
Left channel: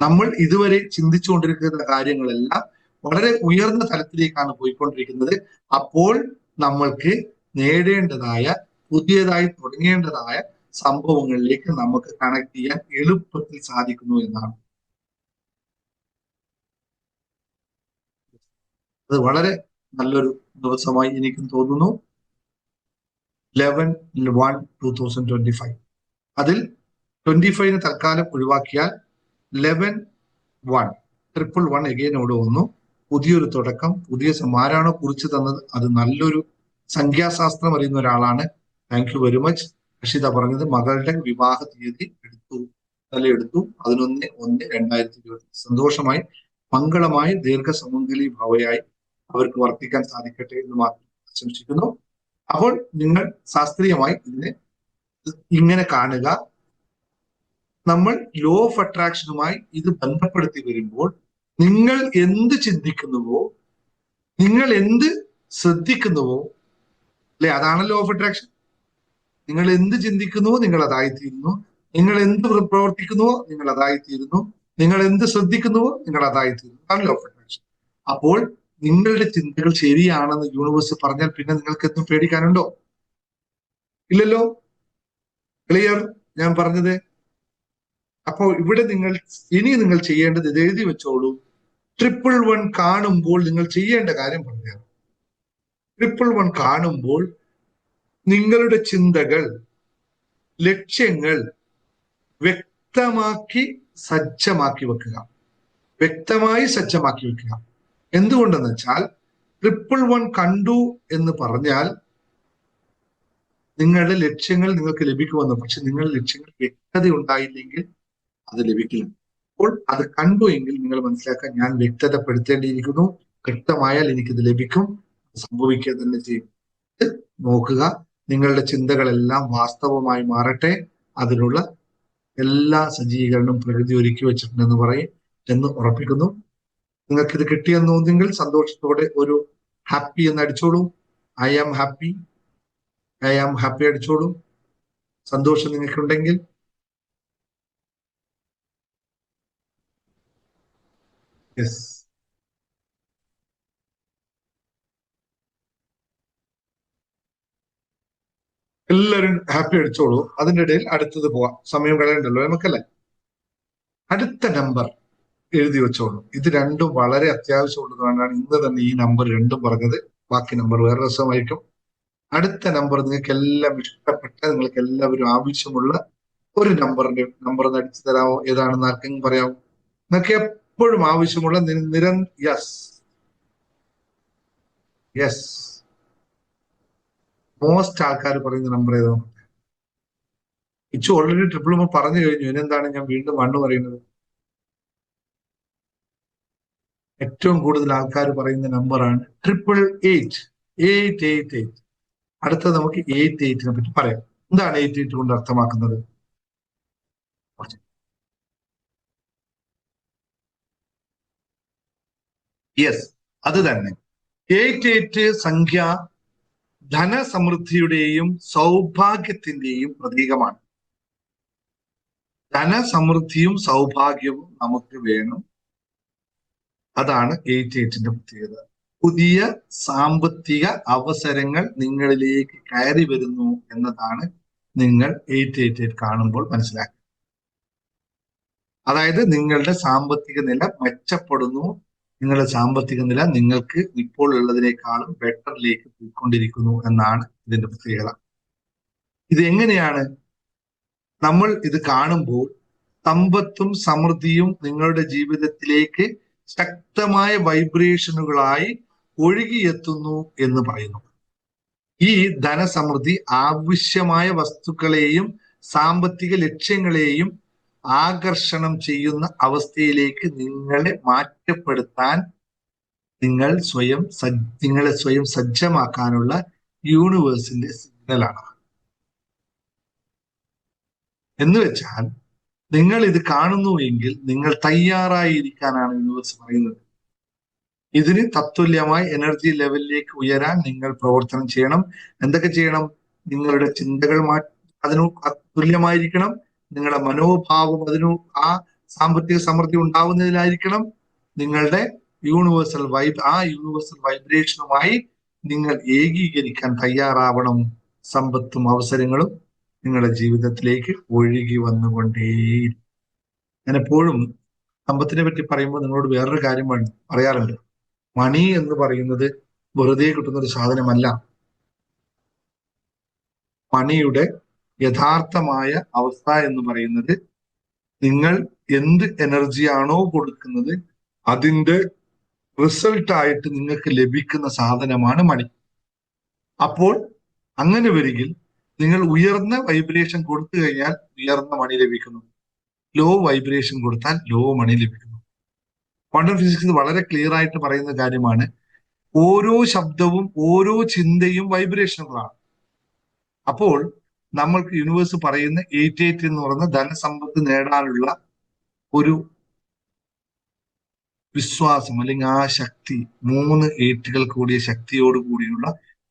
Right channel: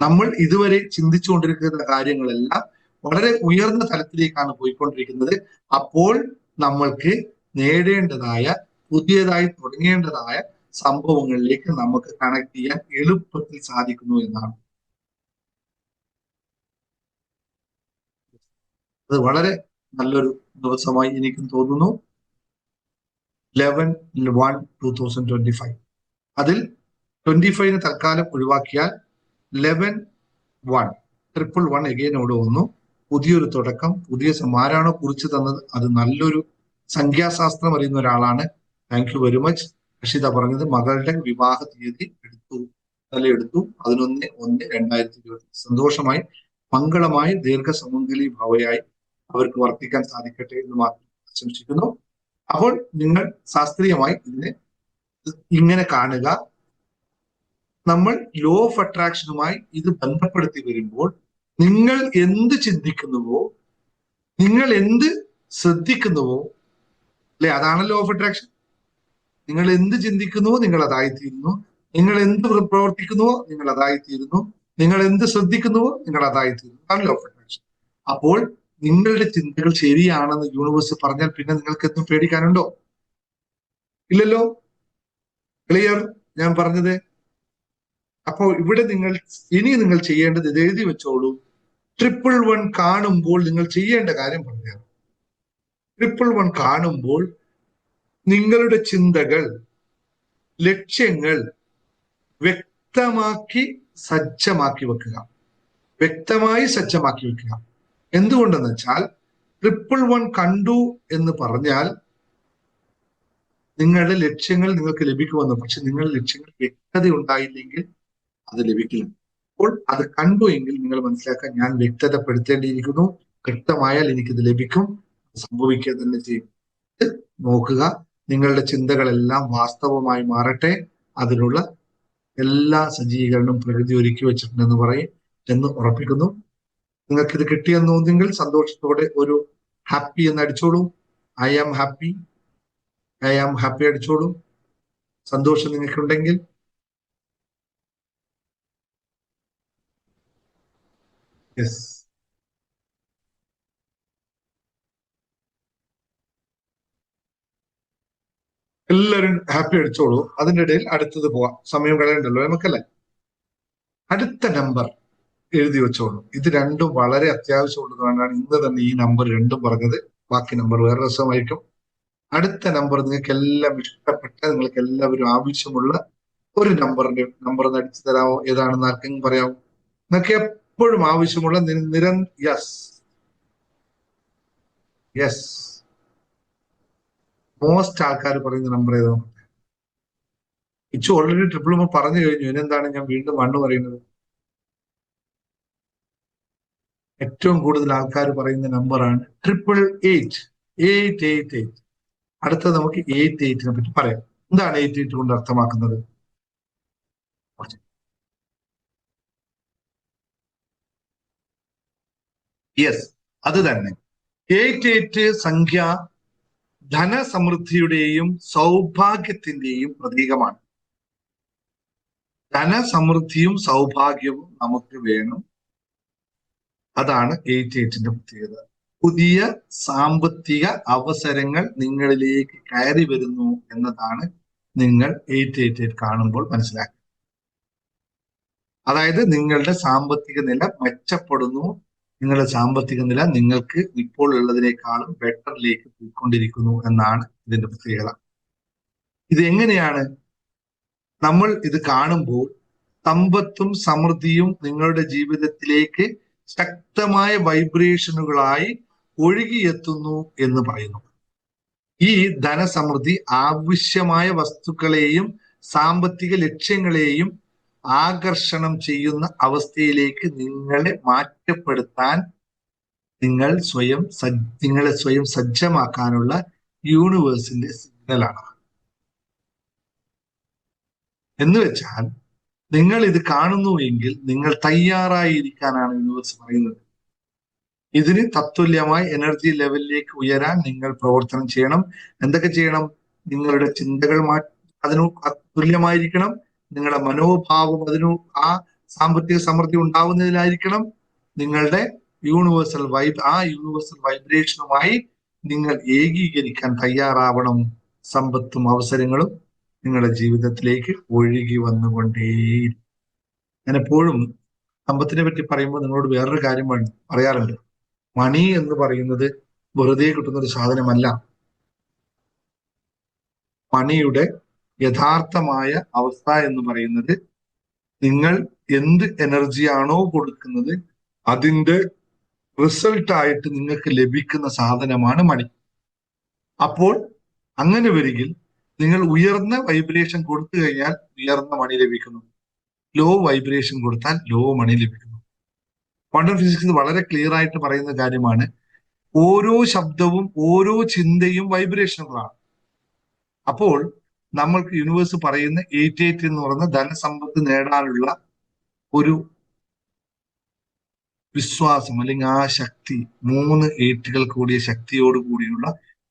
നമ്മൾ ഇതുവരെ ചിന്തിച്ചുകൊണ്ടിരിക്കുന്ന കാര്യങ്ങളെല്ലാം വളരെ ഉയർന്ന തലത്തിലേക്കാണ് പോയിക്കൊണ്ടിരിക്കുന്നത്. അപ്പോൾ നമ്മൾക്ക് നേടേണ്ടതായ, പുതിയതായി തുടങ്ങേണ്ടതായ സംഭവങ്ങളിലേക്ക് നമുക്ക് കണക്ട് ചെയ്യാൻ എളുപ്പത്തിൽ സാധിക്കുന്നു എന്നാണ്. അത് വളരെ നല്ലൊരു ദിവസമായി എനിക്കും തോന്നുന്നു. 11/1/2025. അതിൽ 25 തൽക്കാലം ഒഴിവാക്കിയാൽ 11/1 എഗെയിനോട് വന്നു. പുതിയൊരു തുടക്കം, പുതിയ ആരാണോ കുറിച്ച് തന്നത് അത് നല്ലൊരു സംഖ്യാശാസ്ത്രം അറിയുന്ന ഒരാളാണ്. Thank you very much. Rakshitha പറഞ്ഞത് മകളുടെ വിവാഹ തീയതി എടുത്തു 11/1/2020. സന്തോഷമായി, മംഗളമായി, ദീർഘസമംഗലി ഭവയായി അവർക്ക് വർത്തിക്കാൻ സാധിക്കട്ടെ എന്ന് മാത്രം ആശംസിക്കുന്നു. അപ്പോൾ നിങ്ങൾ ശാസ്ത്രീയമായി ഇതിനെ ഇങ്ങനെ കാണുക. നമ്മൾ ലോ ഓഫ് അട്രാക്ഷനുമായി ഇത് ബന്ധപ്പെടുത്തി വരുമ്പോൾ നിങ്ങൾ എന്ത് ചിന്തിക്കുന്നുവോ, നിങ്ങൾ എന്ത് ശ്രദ്ധിക്കുന്നുവോ, അല്ലെ, അതാണ് ലോ ഓഫ് അട്രാക്ഷൻ. നിങ്ങൾ എന്ത് ചിന്തിക്കുന്നുവോ നിങ്ങൾ അതായിത്തീരുന്നു, നിങ്ങൾ എന്ത് പ്രവർത്തിക്കുന്നുവോ നിങ്ങൾ അതായിത്തീരുന്നു, നിങ്ങൾ എന്ത് ശ്രദ്ധിക്കുന്നുവോ നിങ്ങൾ അതായിത്തീരുന്നു. അതാണ് ലോ ഓഫ് അട്രാക്ഷൻ. അപ്പോൾ നിങ്ങളുടെ ചിന്തകൾ ശരിയാണെന്ന് യൂണിവേഴ്സ് പറഞ്ഞാൽ പിന്നെ നിങ്ങൾക്ക് എന്തും പേടിക്കാനുണ്ടോ? ഇല്ലല്ലോ. ക്ലിയർ ഞാൻ പറഞ്ഞത്? അപ്പോൾ ഇവിടെ നിങ്ങൾ ചെയ്യേണ്ടത് ഇത് എഴുതി വെച്ചോളൂ. 111 കാണുമ്പോൾ നിങ്ങൾ ചെയ്യേണ്ട കാര്യം പറഞ്ഞു. 111 കാണുമ്പോൾ നിങ്ങളുടെ ചിന്തകൾ, ലക്ഷ്യങ്ങൾ വ്യക്തമായി സജ്ജമാക്കി വെക്കുക. എന്തുകൊണ്ടെന്ന് വെച്ചാൽ 111 കണ്ടു എന്ന് പറഞ്ഞാൽ നിങ്ങളുടെ ലക്ഷ്യങ്ങൾ നിങ്ങൾക്ക് ലഭിക്കുമെന്ന്. പക്ഷെ നിങ്ങളുടെ ലക്ഷ്യങ്ങൾ വ്യക്തത ഉണ്ടായില്ലെങ്കിൽ അത് ലഭിക്കില്ല. അപ്പോൾ അത് കണ്ടു എങ്കിൽ നിങ്ങൾ മനസ്സിലാക്കാൻ, ഞാൻ വ്യക്തതപ്പെടുത്തേണ്ടിയിരിക്കുന്നു, വ്യക്തമായാൽ എനിക്കിത് ലഭിക്കും, സംഭവിക്കുക തന്നെ ചെയ്യും. നോക്കുക, നിങ്ങളുടെ ചിന്തകളെല്ലാം വാസ്തവമായി മാറട്ടെ. അതിനുള്ള എല്ലാ സജ്ജീകരണവും പ്രകൃതി ഒരുക്കി വെച്ചിട്ടുണ്ടെന്ന് പറയും എന്ന് ഉറപ്പിക്കുന്നു. നിങ്ങൾക്കിത് കിട്ടിയെന്ന് തോന്നുന്നെങ്കിൽ സന്തോഷത്തോടെ ഒരു ഹാപ്പി എന്ന് അടിച്ചോളൂ. I am happy അടിച്ചോളൂ. സന്തോഷം നിങ്ങൾക്കുണ്ടെങ്കിൽ. യെസ്. എല്ലാവരും ഹാപ്പി അടിച്ചോളൂ. അതിന്റെ ഇടയിൽ അടുത്തത് പോവാം, സമയം കളയണ്ടല്ലോ നമുക്കല്ലേ. അടുത്ത നമ്പർ എഴുതി വെച്ചോളൂ. ഇത് രണ്ടും വളരെ അത്യാവശ്യമുള്ളതുകൊണ്ടാണ് ഇന്ന് തന്നെ ഈ നമ്പർ രണ്ടും പറഞ്ഞത്. ബാക്കി നമ്പർ വേറെ രസമായിരിക്കും. അടുത്ത നമ്പർ നിങ്ങൾക്ക് എല്ലാം ഇഷ്ടപ്പെട്ട, നിങ്ങൾക്ക് എല്ലാവരും ആവശ്യമുള്ള ഒരു നമ്പർ ഒന്ന് അടിച്ചു തരാമോ? ഏതാണെന്ന് ആർക്കെങ്കിലും പറയാമോ? നിങ്ങൾക്ക് എപ്പോഴും ആവശ്യമുള്ള യെസ് യെസ് മോസ്റ്റ് ആൾക്കാർ പറയുന്ന നമ്പർ ഏതോ? ഇച്ചു ഓൾറെഡി ട്രിപ്പിൾ നമ്പർ പറഞ്ഞു കഴിഞ്ഞു. ഇനെന്താണ് ഞാൻ വീണ്ടും മണ്ണ് പറയുന്നത്? ഏറ്റവും കൂടുതൽ ആൾക്കാർ പറയുന്ന നമ്പറാണ് 888. 888. അടുത്തത് നമുക്ക് 888നെ പറ്റി പറയാം. എന്താണ് 888 കൊണ്ട് അർത്ഥമാക്കുന്നത്? യെസ്, അത് തന്നെ. 888 സംഖ്യ ധനസമൃദ്ധിയുടെയും സൗഭാഗ്യത്തിന്റെയും പ്രതീകമാണ്. ധനസമൃദ്ധിയും സൗഭാഗ്യവും നമുക്ക് വേണം. അതാണ് 888ന്റെ പ്രത്യേകത. പുതിയ സാമ്പത്തിക അവസരങ്ങൾ നിങ്ങളിലേക്ക് കയറി വരുന്നു എന്നതാണ് നിങ്ങൾ 888 കാണുമ്പോൾ മനസ്സിലാക്കുക. അതായത് നിങ്ങളുടെ സാമ്പത്തിക നില മെച്ചപ്പെടുന്നു, നിങ്ങളുടെ സാമ്പത്തിക നില നിങ്ങൾക്ക് ഇപ്പോൾ ഉള്ളതിനേക്കാളും ബെറ്ററിലേക്ക് പോയിക്കൊണ്ടിരിക്കുന്നു എന്നാണ് ഇതിന്റെ പ്രത്യേകത. ഇത് എങ്ങനെയാണ് നമ്മൾ ഇത് കാണുമ്പോൾ സമ്പത്തും സമൃദ്ധിയും നിങ്ങളുടെ ജീവിതത്തിലേക്ക് ശക്തമായ വൈബ്രേഷനുകളായി ഒഴുകിയെത്തുന്നു എന്ന് പറയുന്നു. ഈ ധനസമൃദ്ധി ആവശ്യമായ വസ്തുക്കളെയും സാമ്പത്തിക ലക്ഷ്യങ്ങളെയും ആകർഷണം ചെയ്യുന്ന അവസ്ഥയിലേക്ക് നിങ്ങളെ മാറ്റപ്പെടുത്താൻ നിങ്ങളെ സ്വയം സജ്ജമാക്കാനുള്ള യൂണിവേഴ്സിന്റെ സിഗ്നലാണ്. എന്ന് വെച്ചാൽ നിങ്ങൾ ഇത് കാണുന്നുവെങ്കിൽ നിങ്ങൾ തയ്യാറായിരിക്കാനാണ് യൂണിവേഴ്സ് പറയുന്നത്. ഇതിന് തത്തുല്യമായ എനർജി ലെവലിലേക്ക് ഉയരാൻ നിങ്ങൾ പ്രവർത്തനം ചെയ്യണം. എന്തൊക്കെ ചെയ്യണം? നിങ്ങളുടെ ചിന്തകൾ അതിനു തുല്യമായിരിക്കണം. നിങ്ങളുടെ മനോഭാവം ആ സാമ്പത്തിക സമൃദ്ധി ഉണ്ടാവുന്നതിലായിരിക്കണം. നിങ്ങളുടെ യൂണിവേഴ്സൽ വൈബ്രേഷനുമായി നിങ്ങൾ ഏകീകരിക്കാൻ തയ്യാറാവണം. സമ്പത്തും അവസരങ്ങളും നിങ്ങളുടെ ജീവിതത്തിലേക്ക് ഒഴുകി വന്നുകൊണ്ടേയിരിക്കും. ഞാൻ എപ്പോഴും സമ്പത്തിനെ പറ്റി പറയുമ്പോൾ നിങ്ങളോട് വേറൊരു കാര്യം പറയാറുണ്ട്. മണി എന്ന് പറയുന്നത് വെറുതെ കിട്ടുന്ന ഒരു സാധനമല്ല. മണിയുടെ യഥാർത്ഥമായ അവസ്ഥ എന്ന് പറയുന്നത് നിങ്ങൾ എന്ത് എനർജിയാണോ കൊടുക്കുന്നത് അതിന്റെ റിസൾട്ടായിട്ട് നിങ്ങൾക്ക് ലഭിക്കുന്ന സാധനമാണ് മണി. അപ്പോൾ അങ്ങനെ വരികിൽ നിങ്ങൾ ഉയർന്ന വൈബ്രേഷൻ കൊടുത്തു കഴിഞ്ഞാൽ ഉയർന്ന മണി ലഭിക്കുന്നു, ലോ വൈബ്രേഷൻ കൊടുത്താൽ ലോ മണി ലഭിക്കുന്നു. ക്വാണ്ടം ഫിസിക്സ് വളരെ ക്ലിയർ ആയിട്ട് പറയുന്ന കാര്യമാണ്. ഓരോ ശബ്ദവും ഓരോ ചിന്തയും വൈബ്രേഷനുകളാണ്. അപ്പോൾ നമ്മൾക്ക് യൂണിവേഴ്സ് പറയുന്ന 888 എന്ന് പറയുന്ന ധനസമ്പത്ത് നേടാനുള്ള ഒരു വിശ്വാസം അല്ലെങ്കിൽ ആ ശക്തി, 3 8കൾ കൂടിയ ശക്തിയോട് കൂടിയുള്ള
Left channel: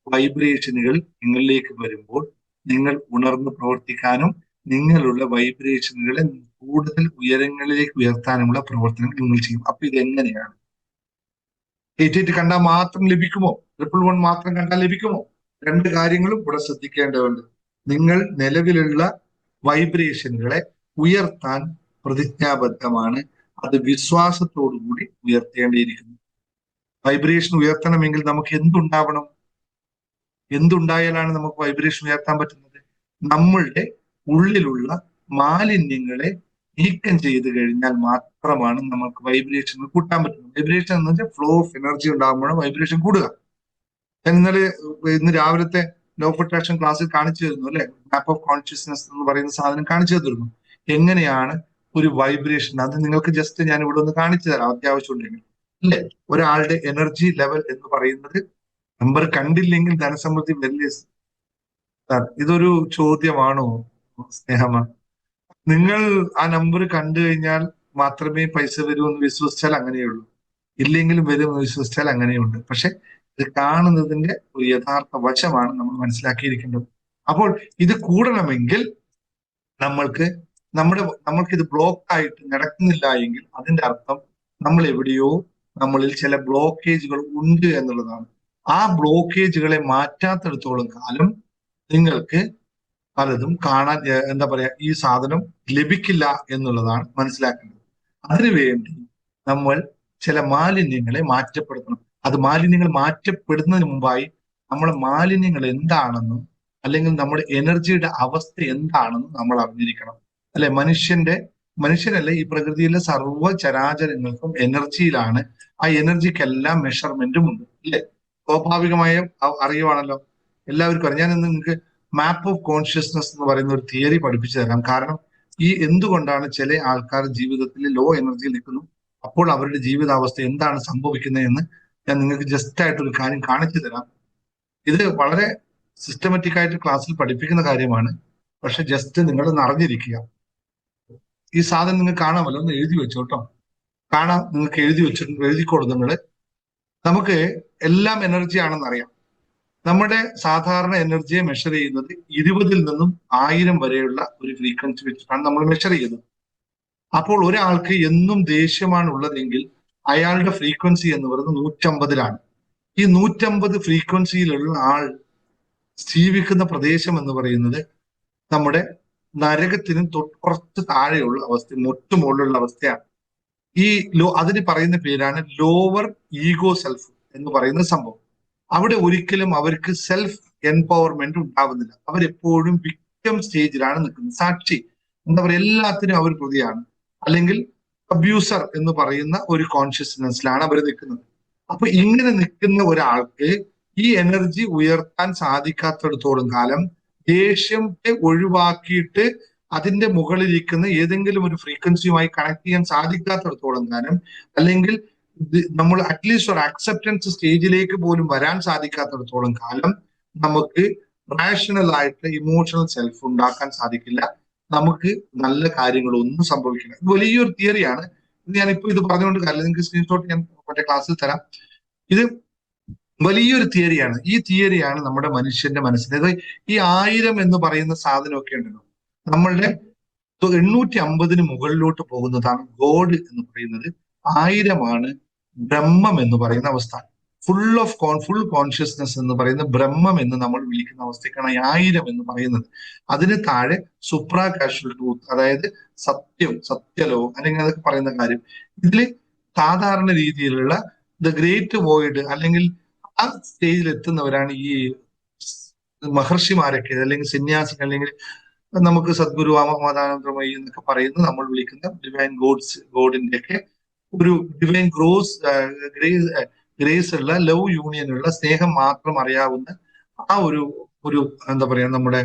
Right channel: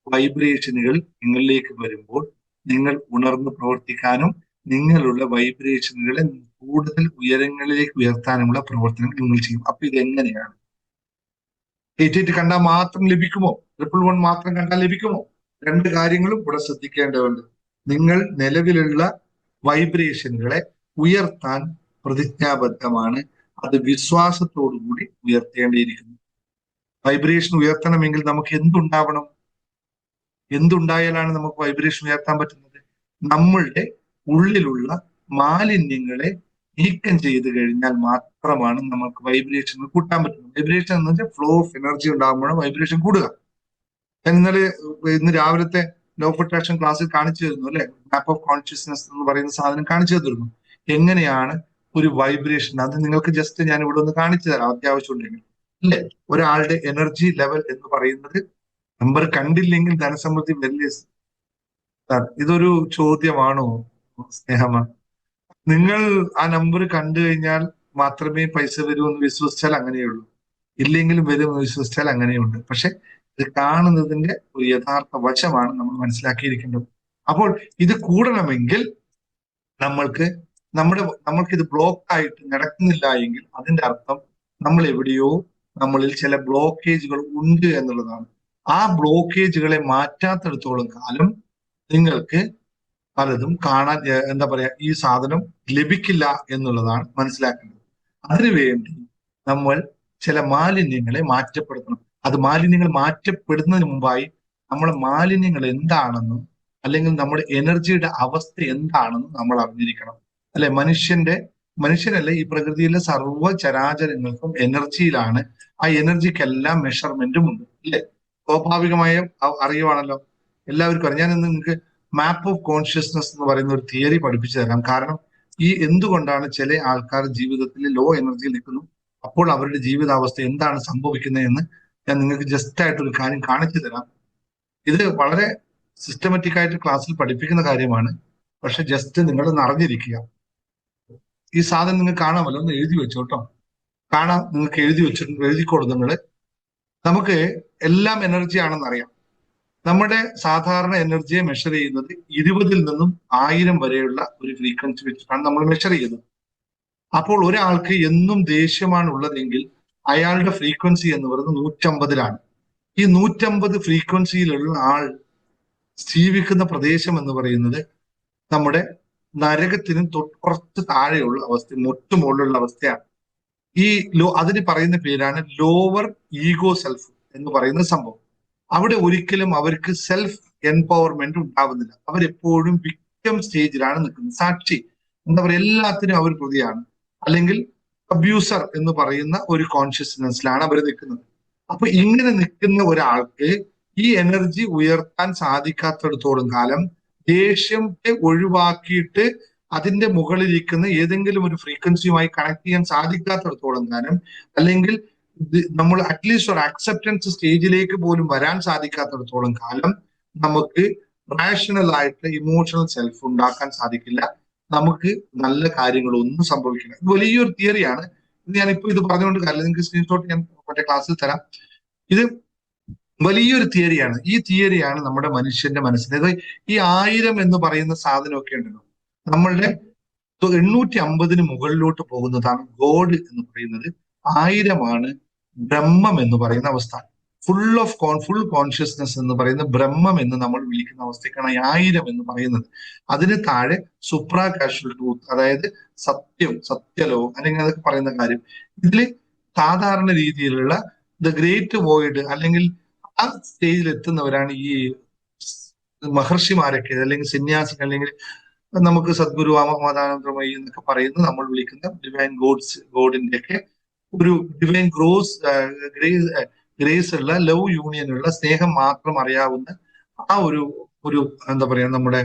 വൈബ്രേഷനുകൾ നിങ്ങളിലേക്ക് വരുമ്പോൾ നിങ്ങൾ ഉണർന്ന് പ്രവർത്തിക്കാനും നിങ്ങളുള്ള വൈബ്രേഷനുകളെ കൂടുതൽ ഉയരങ്ങളിലേക്ക് ഉയർത്താനുമുള്ള പ്രവർത്തനങ്ങൾ നിങ്ങൾ ചെയ്യും. അപ്പൊ ഇത് എങ്ങനെയാണ്? 888 കണ്ടാൽ മാത്രം ലഭിക്കുമോ? 111 മാത്രം കണ്ടാൽ ലഭിക്കുമോ? രണ്ട് കാര്യങ്ങളും ഇവിടെ ശ്രദ്ധിക്കേണ്ടതുണ്ട്. നിങ്ങൾ നിലവിലുള്ള വൈബ്രേഷനുകളെ ഉയർത്താൻ പ്രതിജ്ഞാബദ്ധമാണ്. അത് വിശ്വാസത്തോടു കൂടി ഉയർത്തേണ്ടിയിരിക്കുന്നു. വൈബ്രേഷൻ ഉയർത്തണമെങ്കിൽ നമുക്ക് എന്തുണ്ടാവണം? എന്തുണ്ടായാലാണ് നമുക്ക് വൈബ്രേഷൻ ഉയർത്താൻ പറ്റുന്നത്? നമ്മളുടെ ഉള്ളിലുള്ള മാലിന്യങ്ങളെ നീക്കം ചെയ്ത് കഴിഞ്ഞാൽ മാത്രമാണ് നമുക്ക് വൈബ്രേഷൻ കൂട്ടാൻ പറ്റുന്നത്. വൈബ്രേഷൻ എന്ന് വെച്ചാൽ ഫ്ലോ ഓഫ് എനർജി ഉണ്ടാകുമ്പോഴാണ് വൈബ്രേഷൻ കൂടുക. ഇന്ന് രാവിലത്തെ ലോ ഓഫ് അട്രാക്ഷൻ ക്ലാസ്സിൽ കാണിച്ചു തരുന്നു അല്ലെ, മാപ്പ് ഓഫ് കോൺഷ്യസ്നെസ് എന്ന് പറയുന്ന സാധനം കാണിച്ചു തരുന്നു. എങ്ങനെയാണ് ഒരു വൈബ്രേഷൻ? അത് നിങ്ങൾക്ക് ജസ്റ്റ് ഞാൻ ഇവിടെ ഒന്ന് കാണിച്ചു തരാം അത്യാവശ്യം ഉണ്ടെങ്കിൽ അല്ലെ. ഒരാളുടെ എനർജി ലെവൽ എന്ന് പറയുന്നത് നമ്പർ കണ്ടില്ലെങ്കിൽ ധനസമൃദ്ധി വലിയ. ഇതൊരു ചോദ്യമാണോ സ്നേഹമ? നിങ്ങൾ ആ നമ്പർ കണ്ടു കഴിഞ്ഞാൽ മാത്രമേ പൈസ വരൂ എന്ന് വിശ്വസിച്ചാൽ അങ്ങനെയുള്ളൂ, ഇല്ലെങ്കിലും വരുമെന്ന് വിശ്വസിച്ചാൽ അങ്ങനെയുണ്ട്. പക്ഷെ ഇത് കാണുന്നതിന്റെ ഒരു യഥാർത്ഥ വശമാണ് നമ്മൾ മനസ്സിലാക്കിയിരിക്കേണ്ടത്. അപ്പോൾ ഇത് കൂടണമെങ്കിൽ നമ്മൾക്ക് ഇത് ബ്ലോക്ക് ആയിട്ട് നടക്കുന്നില്ല എങ്കിൽ അതിന്റെ അർത്ഥം നമ്മളിൽ ചില ബ്ലോക്കേജുകൾ ഉണ്ട് എന്നുള്ളതാണ്. ആ ബ്ലോക്കേജുകളെ മാറ്റാത്തിടത്തോളം കാലം നിങ്ങൾക്ക് പലതും കാണാൻ എന്താ പറയാ ഈ സാധനം ലഭിക്കില്ല എന്നുള്ളതാണ് മനസ്സിലാക്കേണ്ടത്. അതിനുവേണ്ടി നമ്മൾ ചില മാലിന്യങ്ങളെ മാറ്റപ്പെടുത്തണം. അത് മാലിന്യങ്ങൾ മാറ്റപ്പെടുന്നതിന് മുമ്പായി നമ്മൾ മാലിന്യങ്ങൾ എന്താണെന്നും അല്ലെങ്കിൽ നമ്മുടെ എനർജിയുടെ അവസ്ഥ എന്താണെന്നും നമ്മൾ അറിഞ്ഞിരിക്കണം. അല്ലെ, മനുഷ്യരല്ല, ഈ പ്രകൃതിയിലെ സർവ്വ ചരാചരങ്ങൾക്കും എനർജിയിലാണ്. ആ എനർജിക്കെല്ലാം മെഷർമെന്റും ഉണ്ട്, ഇല്ലേ? സ്വാഭാവികമായും അറിയുവാണല്ലോ, എല്ലാവർക്കും അറിയാം. ഞാൻ നിങ്ങൾക്ക് മാപ്പ് ഓഫ് കോൺഷ്യസ്നസ് എന്ന് പറയുന്ന ഒരു തിയറി പഠിപ്പിച്ചു തരാം. കാരണം ഈ എന്തുകൊണ്ടാണ് ചില ആൾക്കാർ ജീവിതത്തിൽ ലോ എനർജിയിൽ നിൽക്കുന്നു, അപ്പോൾ അവരുടെ ജീവിതാവസ്ഥ എന്താണ് സംഭവിക്കുന്നത് എന്ന് ഞാൻ നിങ്ങൾക്ക് ജസ്റ്റ് ആയിട്ട് ഒരു കാര്യം കാണിച്ചു തരാം. ഇത് വളരെ സിസ്റ്റമാറ്റിക് ആയിട്ട് ക്ലാസ്സിൽ പഠിപ്പിക്കുന്ന കാര്യമാണ്. പക്ഷെ ജസ്റ്റ് നിങ്ങൾ അറിഞ്ഞിരിക്കുക. ഈ സാധനം നിങ്ങൾക്ക് കാണാമല്ലോ, ഒന്ന് എഴുതി വെച്ചോ കേട്ടോ. കാണാം, നിങ്ങൾക്ക് എഴുതി വെച്ചിട്ടുണ്ട്, എഴുതിക്കോളൂ നിങ്ങൾ. നമുക്ക് എല്ലാം എനർജി ആണെന്ന് അറിയാം. നമ്മുടെ സാധാരണ എനർജിയെ മെഷർ ചെയ്യുന്നത് 20 നിന്നും 1000 വരെയുള്ള ഒരു ഫ്രീക്വൻസി വെച്ചിട്ടാണ് നമ്മൾ മെഷർ ചെയ്യുന്നത്. അപ്പോൾ ഒരാൾക്ക് എന്നും ദേഷ്യമാണ് ഉള്ളതെങ്കിൽ അയാളുടെ ഫ്രീക്വൻസി എന്ന് പറയുന്നത് 150-ലാണ്. ഈ 150 ഫ്രീക്വൻസിയിലുള്ള ആൾ ജീവിക്കുന്ന പ്രദേശം എന്ന് പറയുന്നത് നമ്മുടെ നരകത്തിനും തൊട്ടുപുറത്ത് താഴെയുള്ള അവസ്ഥ, മുകളിലുള്ള അവസ്ഥയാണ്. ഈ അതിന് പറയുന്ന പേരാണ് ലോവർ ഈഗോ സെൽഫ് എന്ന് പറയുന്ന സംഭവം. അവിടെ ഒരിക്കലും അവർക്ക് സെൽഫ് എംപവർമെന്റ് ഉണ്ടാവുന്നില്ല. അവരെപ്പോഴും വിക്ടിം സ്റ്റേജിലാണ് നിൽക്കുന്നത്. സാക്ഷി, എന്താ പറയുക, എല്ലാത്തിനും അവർ പ്രതിയാണ്, അല്ലെങ്കിൽ അബ്യൂസർ എന്ന് പറയുന്ന ഒരു കോൺഷ്യസ്നെസ്സിലാണ് അവർ നിൽക്കുന്നത്. അപ്പൊ ഇങ്ങനെ നിൽക്കുന്ന ഒരാൾക്ക് ഈ എനർജി ഉയർത്താൻ സാധിക്കാത്തിടത്തോളം കാലം, ദേഷ്യത്തെ ഒഴിവാക്കിയിട്ട് അതിന്റെ മുകളിലിരിക്കുന്ന ഏതെങ്കിലും ഒരു ഫ്രീക്വൻസിയുമായി കണക്ട് ചെയ്യാൻ സാധിക്കാത്തിടത്തോളം കാലം, അല്ലെങ്കിൽ നമ്മൾ അറ്റ്ലീസ്റ്റ് ഒരു അക്സെപ്റ്റൻസ് സ്റ്റേജിലേക്ക് പോലും വരാൻ സാധിക്കാത്തിടത്തോളം കാലം നമുക്ക് റാഷണൽ ആയിട്ട് ഇമോഷണൽ സെൽഫ് ഉണ്ടാക്കാൻ സാധിക്കില്ല. നമുക്ക് നല്ല കാര്യങ്ങളൊന്നും സംഭവിക്കില്ല. ഇത് വലിയൊരു തിയറിയാണ്. ഞാനിപ്പോ ഇത് പറഞ്ഞുകൊണ്ട് കാര്യമില്ല, നിങ്ങൾക്ക് സ്ക്രീൻഷോട്ട് ഞാൻ മറ്റേ ക്ലാസ്സിൽ തരാം. ഇത് വലിയൊരു തിയറിയാണ്. ഈ തിയറിയാണ് നമ്മുടെ മനുഷ്യന്റെ മനസ്സിൽ. ഈ 1000 എന്ന് പറയുന്ന സാധനമൊക്കെ ഉണ്ടല്ലോ, നമ്മളുടെ 850 മുകളിലോട്ട് പോകുന്നതാണ് ഗോഡ് എന്ന് പറയുന്നത്. 1000 ബ്രഹ്മം എന്ന് പറയുന്ന അവസ്ഥ. ഫുൾ കോൺഷ്യസ്നെസ് എന്ന് പറയുന്ന ബ്രഹ്മം എന്ന് നമ്മൾ വിളിക്കുന്ന അവസ്ഥയ്ക്കാണ് 1000 എന്ന് പറയുന്നത്. അതിന് താഴെ സുപ്രാ കാഷ്വൽ ട്രൂത്ത്, അതായത് സത്യലോ അല്ലെങ്കിൽ അതൊക്കെ പറയുന്ന കാര്യം. ഇതിൽ സാധാരണ രീതിയിലുള്ള ദ ഗ്രേറ്റ് വോയിഡ് അല്ലെങ്കിൽ ആ സ്റ്റേജിൽ എത്തുന്നവരാണ് ഈ മഹർഷിമാരൊക്കെ, അല്ലെങ്കിൽ സന്യാസികൾ, അല്ലെങ്കിൽ നമുക്ക് സദ്ഗുരു മതാനന്ദമയി എന്നൊക്കെ പറയുന്ന നമ്മൾ വിളിക്കുന്ന ഡിവൈൻ ഗോഡിന്റെ ഒക്കെ ഒരു ഡിവൈൻ ഗ്രേസ് ഉള്ള ലവ് യൂണിയനുള്ള സ്നേഹം മാത്രം അറിയാവുന്ന ആ ഒരു എന്താ പറയാ, നമ്മുടെ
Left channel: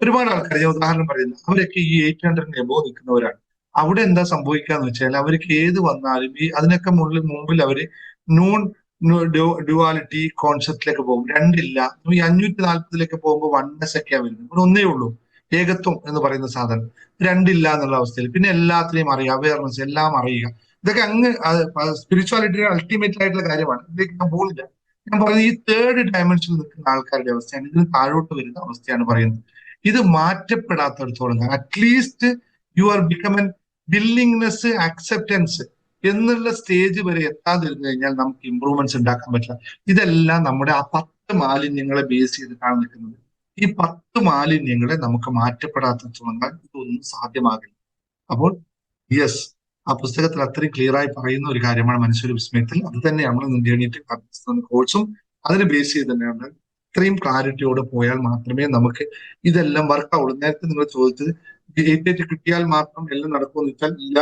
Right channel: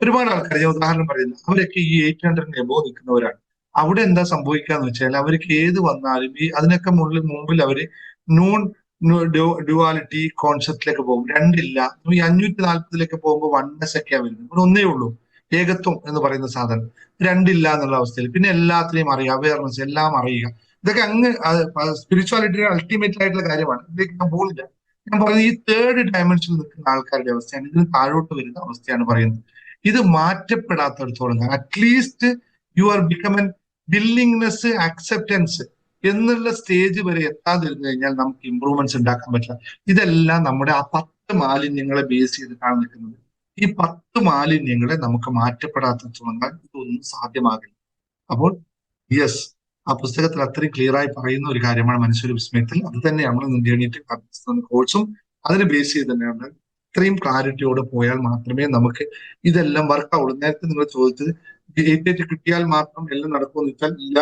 ഒരുപാട് ആൾക്കാർ, ഞാൻ ഉദാഹരണം പറയുന്നു, അവരൊക്കെ ഈ 800 എബോ നിൽക്കുന്നവരാണ്. അവിടെ എന്താ സംഭവിക്കാന്ന് വെച്ചാൽ അവർക്ക് ഏത് വന്നാലും ഈ അതിനൊക്കെ മുമ്പിൽ അവര് നോൺ ഡ്യുവാലിറ്റി കോൺസെപ്റ്റിലേക്ക് പോകും. രണ്ടില്ല. ഈ 540 പോകുമ്പോൾ വൺനെസ് ഒക്കെയാണ് വരുന്നത്. ഇവിടെ ഒന്നേ ഉള്ളൂ, ഏകത്വം എന്ന് പറയുന്ന സാധനം. രണ്ടില്ല എന്നുള്ള അവസ്ഥയിൽ പിന്നെ എല്ലാത്തിനെയും അറിയുക, അവയർനെസ് എല്ലാം അറിയുക. ഇതൊക്കെ അങ്ങ് സ്പിരിച്വാലിറ്റിയുടെ അൾട്ടിമേറ്റ് ആയിട്ടുള്ള കാര്യമാണ്. ഇതിലേക്ക് ഞാൻ പോകില്ല. ഞാൻ പറയുന്നത് ഈ 3rd ഡയമെൻഷനിൽ നിൽക്കുന്ന ആൾക്കാരുടെ അവസ്ഥയാണ്, ഇതിന് താഴോട്ട് വരുന്ന അവസ്ഥയാണ് പറയുന്നത്. ഇത് മാറ്റപ്പെടാത്തടത്തോളം at least you are become an willingness, acceptance എന്നുള്ള സ്റ്റേജ് വരെ എത്താതിരുന്നു കഴിഞ്ഞാൽ നമുക്ക് ഇമ്പ്രൂവ്മെന്റ്സ് ഉണ്ടാക്കാൻ പറ്റില്ല. ഇതെല്ലാം നമ്മുടെ ആ 10 മാലിന്യങ്ങളെ ബേസ് ചെയ്തിട്ടാണ് നിൽക്കുന്നത്. ഈ 10 മാലിന്യങ്ങളെ നമുക്ക് മാറ്റപ്പെടാത്തിട്ടുണ്ടെങ്കിൽ ഇതൊന്നും സാധ്യമാകില്ല. യെസ്, ആ പുസ്തകത്തിൽ അത്രയും ക്ലിയർ ആയി പറയുന്ന ഒരു കാര്യമാണ് മനുഷ്യ വിസ്മയത്തിൽ. അത് തന്നെയാണ് ഇന്ത്യണിയിട്ട് കോഴ്സും അതിന് ബേസ് ചെയ്ത് തന്നെയാണ്. ഇത്രയും ക്ലാരിറ്റിയോടെ പോയാൽ മാത്രമേ നമുക്ക് ഇതെല്ലാം വർക്കാവുള്ളൂ. നേരത്തെ നിങ്ങൾ ചോദിച്ചത് 88 കിട്ടിയാൽ മാത്രം എല്ലാം നടക്കുമെന്ന് വെച്ചാൽ ഇല്ല.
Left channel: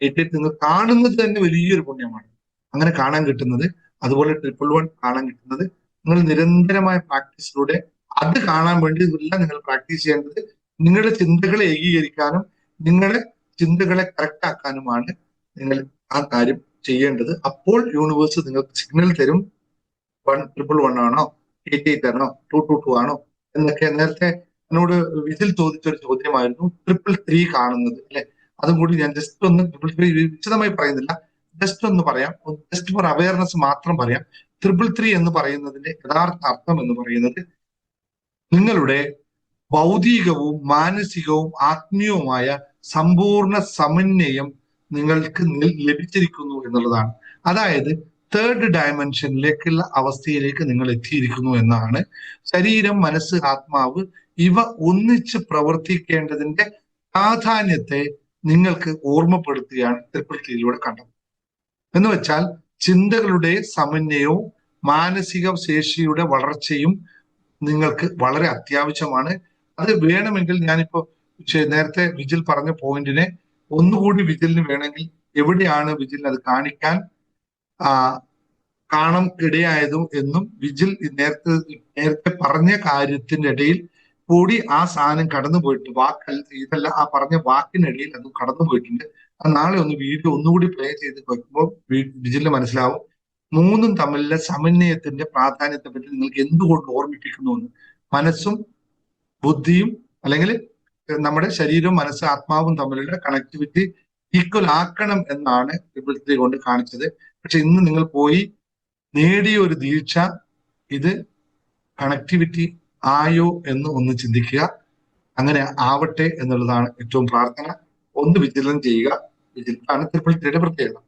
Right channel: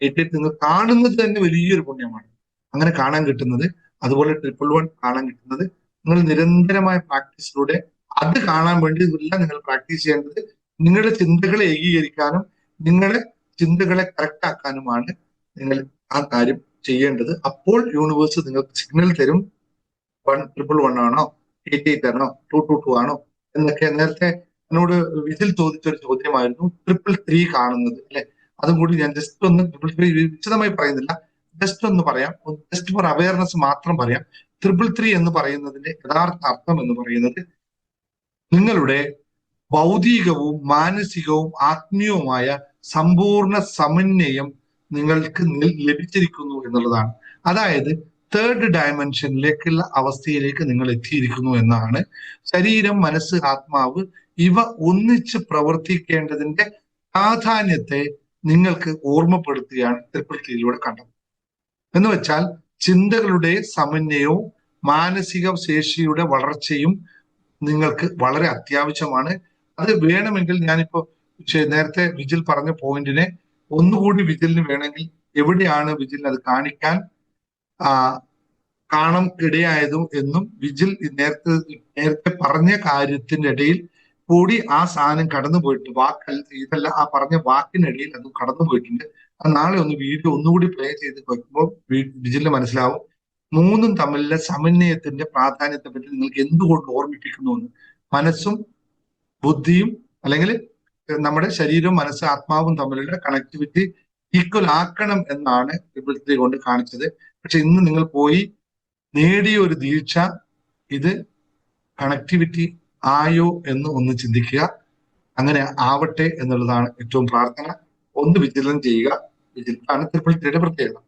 88 നിങ്ങൾ കാണുന്നത് തന്നെ വലിയൊരു പുണ്യമാണ്. അങ്ങനെ കാണാൻ കിട്ടുന്നത്, അതുപോലെ 111 കാണാൻ കിട്ടുന്നത് നിങ്ങൾ നിരന്തരമായ പ്രാക്ടീസിലൂടെ, അത് കാണാൻ വേണ്ടി ഇതെല്ലാം നിങ്ങൾ പ്രാക്ടീസ് ചെയ്യേണ്ടത് നിങ്ങളുടെ ചിന്തകളെ ഏകീകരിക്കാനും നിങ്ങളുടെ ചിന്തകളെ കറക്റ്റ് ആക്കാനുമാണ് നിങ്ങൾ ആ കാര്യം ചെയ്യേണ്ടത്. അപ്പോൾ യൂണിവേഴ്സ് നിങ്ങൾക്ക് സിഗ്നൽ തരും. 111 ആണോ, 88 ആണോ, 222 ആണോ എന്നൊക്കെ. നേരത്തെ എന്നോട് ഇതിൽ ചോദിച്ചൊരു ചോദ്യമായിരുന്നു 333 കാണുന്നത്, അല്ലെ? അതും കൂടി ഞാൻ ജസ്റ്റ് ഒന്ന് 333 വിശദമായി പറയുന്നില്ല, ജസ്റ്റ് ഒന്ന് പറയാം, ജസ്റ്റ് ഫോർ അവയർനെസ് മാത്രം പറയാം. 333 എന്ന് പറയുന്നതിന്റെ യഥാർത്ഥ അർത്ഥം എന്ന് പറയുന്നത് നിങ്ങളുടെ ഭൗതികവും മാനസികവും ആത്മീയവുമായ സമ്പൂർണ്ണ സമന്വയം നിങ്ങൾക്ക് ലഭിച്ചിരിക്കുന്നു എന്നുള്ളതാണ്. അതായത് 3rd ഡയമെൻഷനിലേക്കുള്ള അവസ്ഥയിലേക്ക് നിങ്ങൾ എത്തിയിരിക്കുന്നു എന്നാണ്. ശരീരം, മനസ്സ്, ആത്മാവ് ഇവ ഒന്നിച്ച് പ്രവർത്തിക്കേണ്ടതിന്റെ പ്രാധാന്യത്തെ നിങ്ങൾക്ക് ഓർമ്മപ്പെടുത്തുകയാണ് ട്രിപ്പിൾ ത്രീയിലൂടെ കണ്ടത്. എന്ന് വെച്ചാൽ ചിന്തകളുടെ സമന്വയവും മാനസിക ശേഷിയുടെ വളർച്ചയും നിങ്ങൾക്ക് വളരെ അത്യാവശ്യമാണ്. അത് വേണമെങ്കിൽ ഞാനിപ്പോ നേരത്തെ വിജിൽ പറഞ്ഞ പോയിന്റിനെ ഒന്നുകൂടി വിജിലിന് വേണമെങ്കിൽ എവിടെയാണ് വിജിലിന് അത് കാണിക്കാൻ കാണാൻ ഇടയായതും എന്നും വിജിൽ നേരത്തെ പറഞ്ഞ കാര്യത്തിന്റെ ഇടയിൽ കൂടി ആ സാധനം കടന്നു പോയിട്ട് ഇതല്ല ആ പറഞ്ഞ വാക്കിനിടയിൽ അത് കടന്നു പോയിട്ടുണ്ട്. അത് നാളെ ഒന്ന് വീഡിയോ ഒന്നുകൂടി പ്ലേ ചെയ്ത് വെക്കുമ്പോൾ വിജിലിന് മനസ്സിലാവും മൂന്നും തമ്മിലുള്ള സമന്വയത്തിന്റെ പ്രാധാന്യത്തെ പറ്റി നിങ്ങൾക്ക് എന്തുകൊണ്ട് ഓർമ്മിപ്പിക്കുന്നു എന്ന്. മനസ്സും ബുദ്ധിയും അല്ലെങ്കിൽ നമ്മുടെ ശരീരവും മനസ്സും ആത്മാവും തമ്മിലുള്ള കണക്ടിവിറ്റി ഈക്വൽ ആക്കണം എന്നാണ് ട്രിപ്പിൾ ത്രീ കൊണ്ട് കാണിച്ചത്. പക്ഷെ ഇന്ന് നിങ്ങൾ പോയി നേടിയ ഒരു വീഴ്ച ഇത് കണക്ടിവിറ്റി ആയോ എന്ന് ഒന്ന് ചിന്തിക്കുക. അങ്ങനെ ആവട്ടെ എന്നുള്ളതാണ് ഏറ്റവും പ്രാർത്ഥന. ഒന്ന് വിജിലൻസ് ചെയ്യുക. വിജിലൻസാണ് ട്രിപ്പിൾ ത്രീയുടെ പ്രത്യേകത.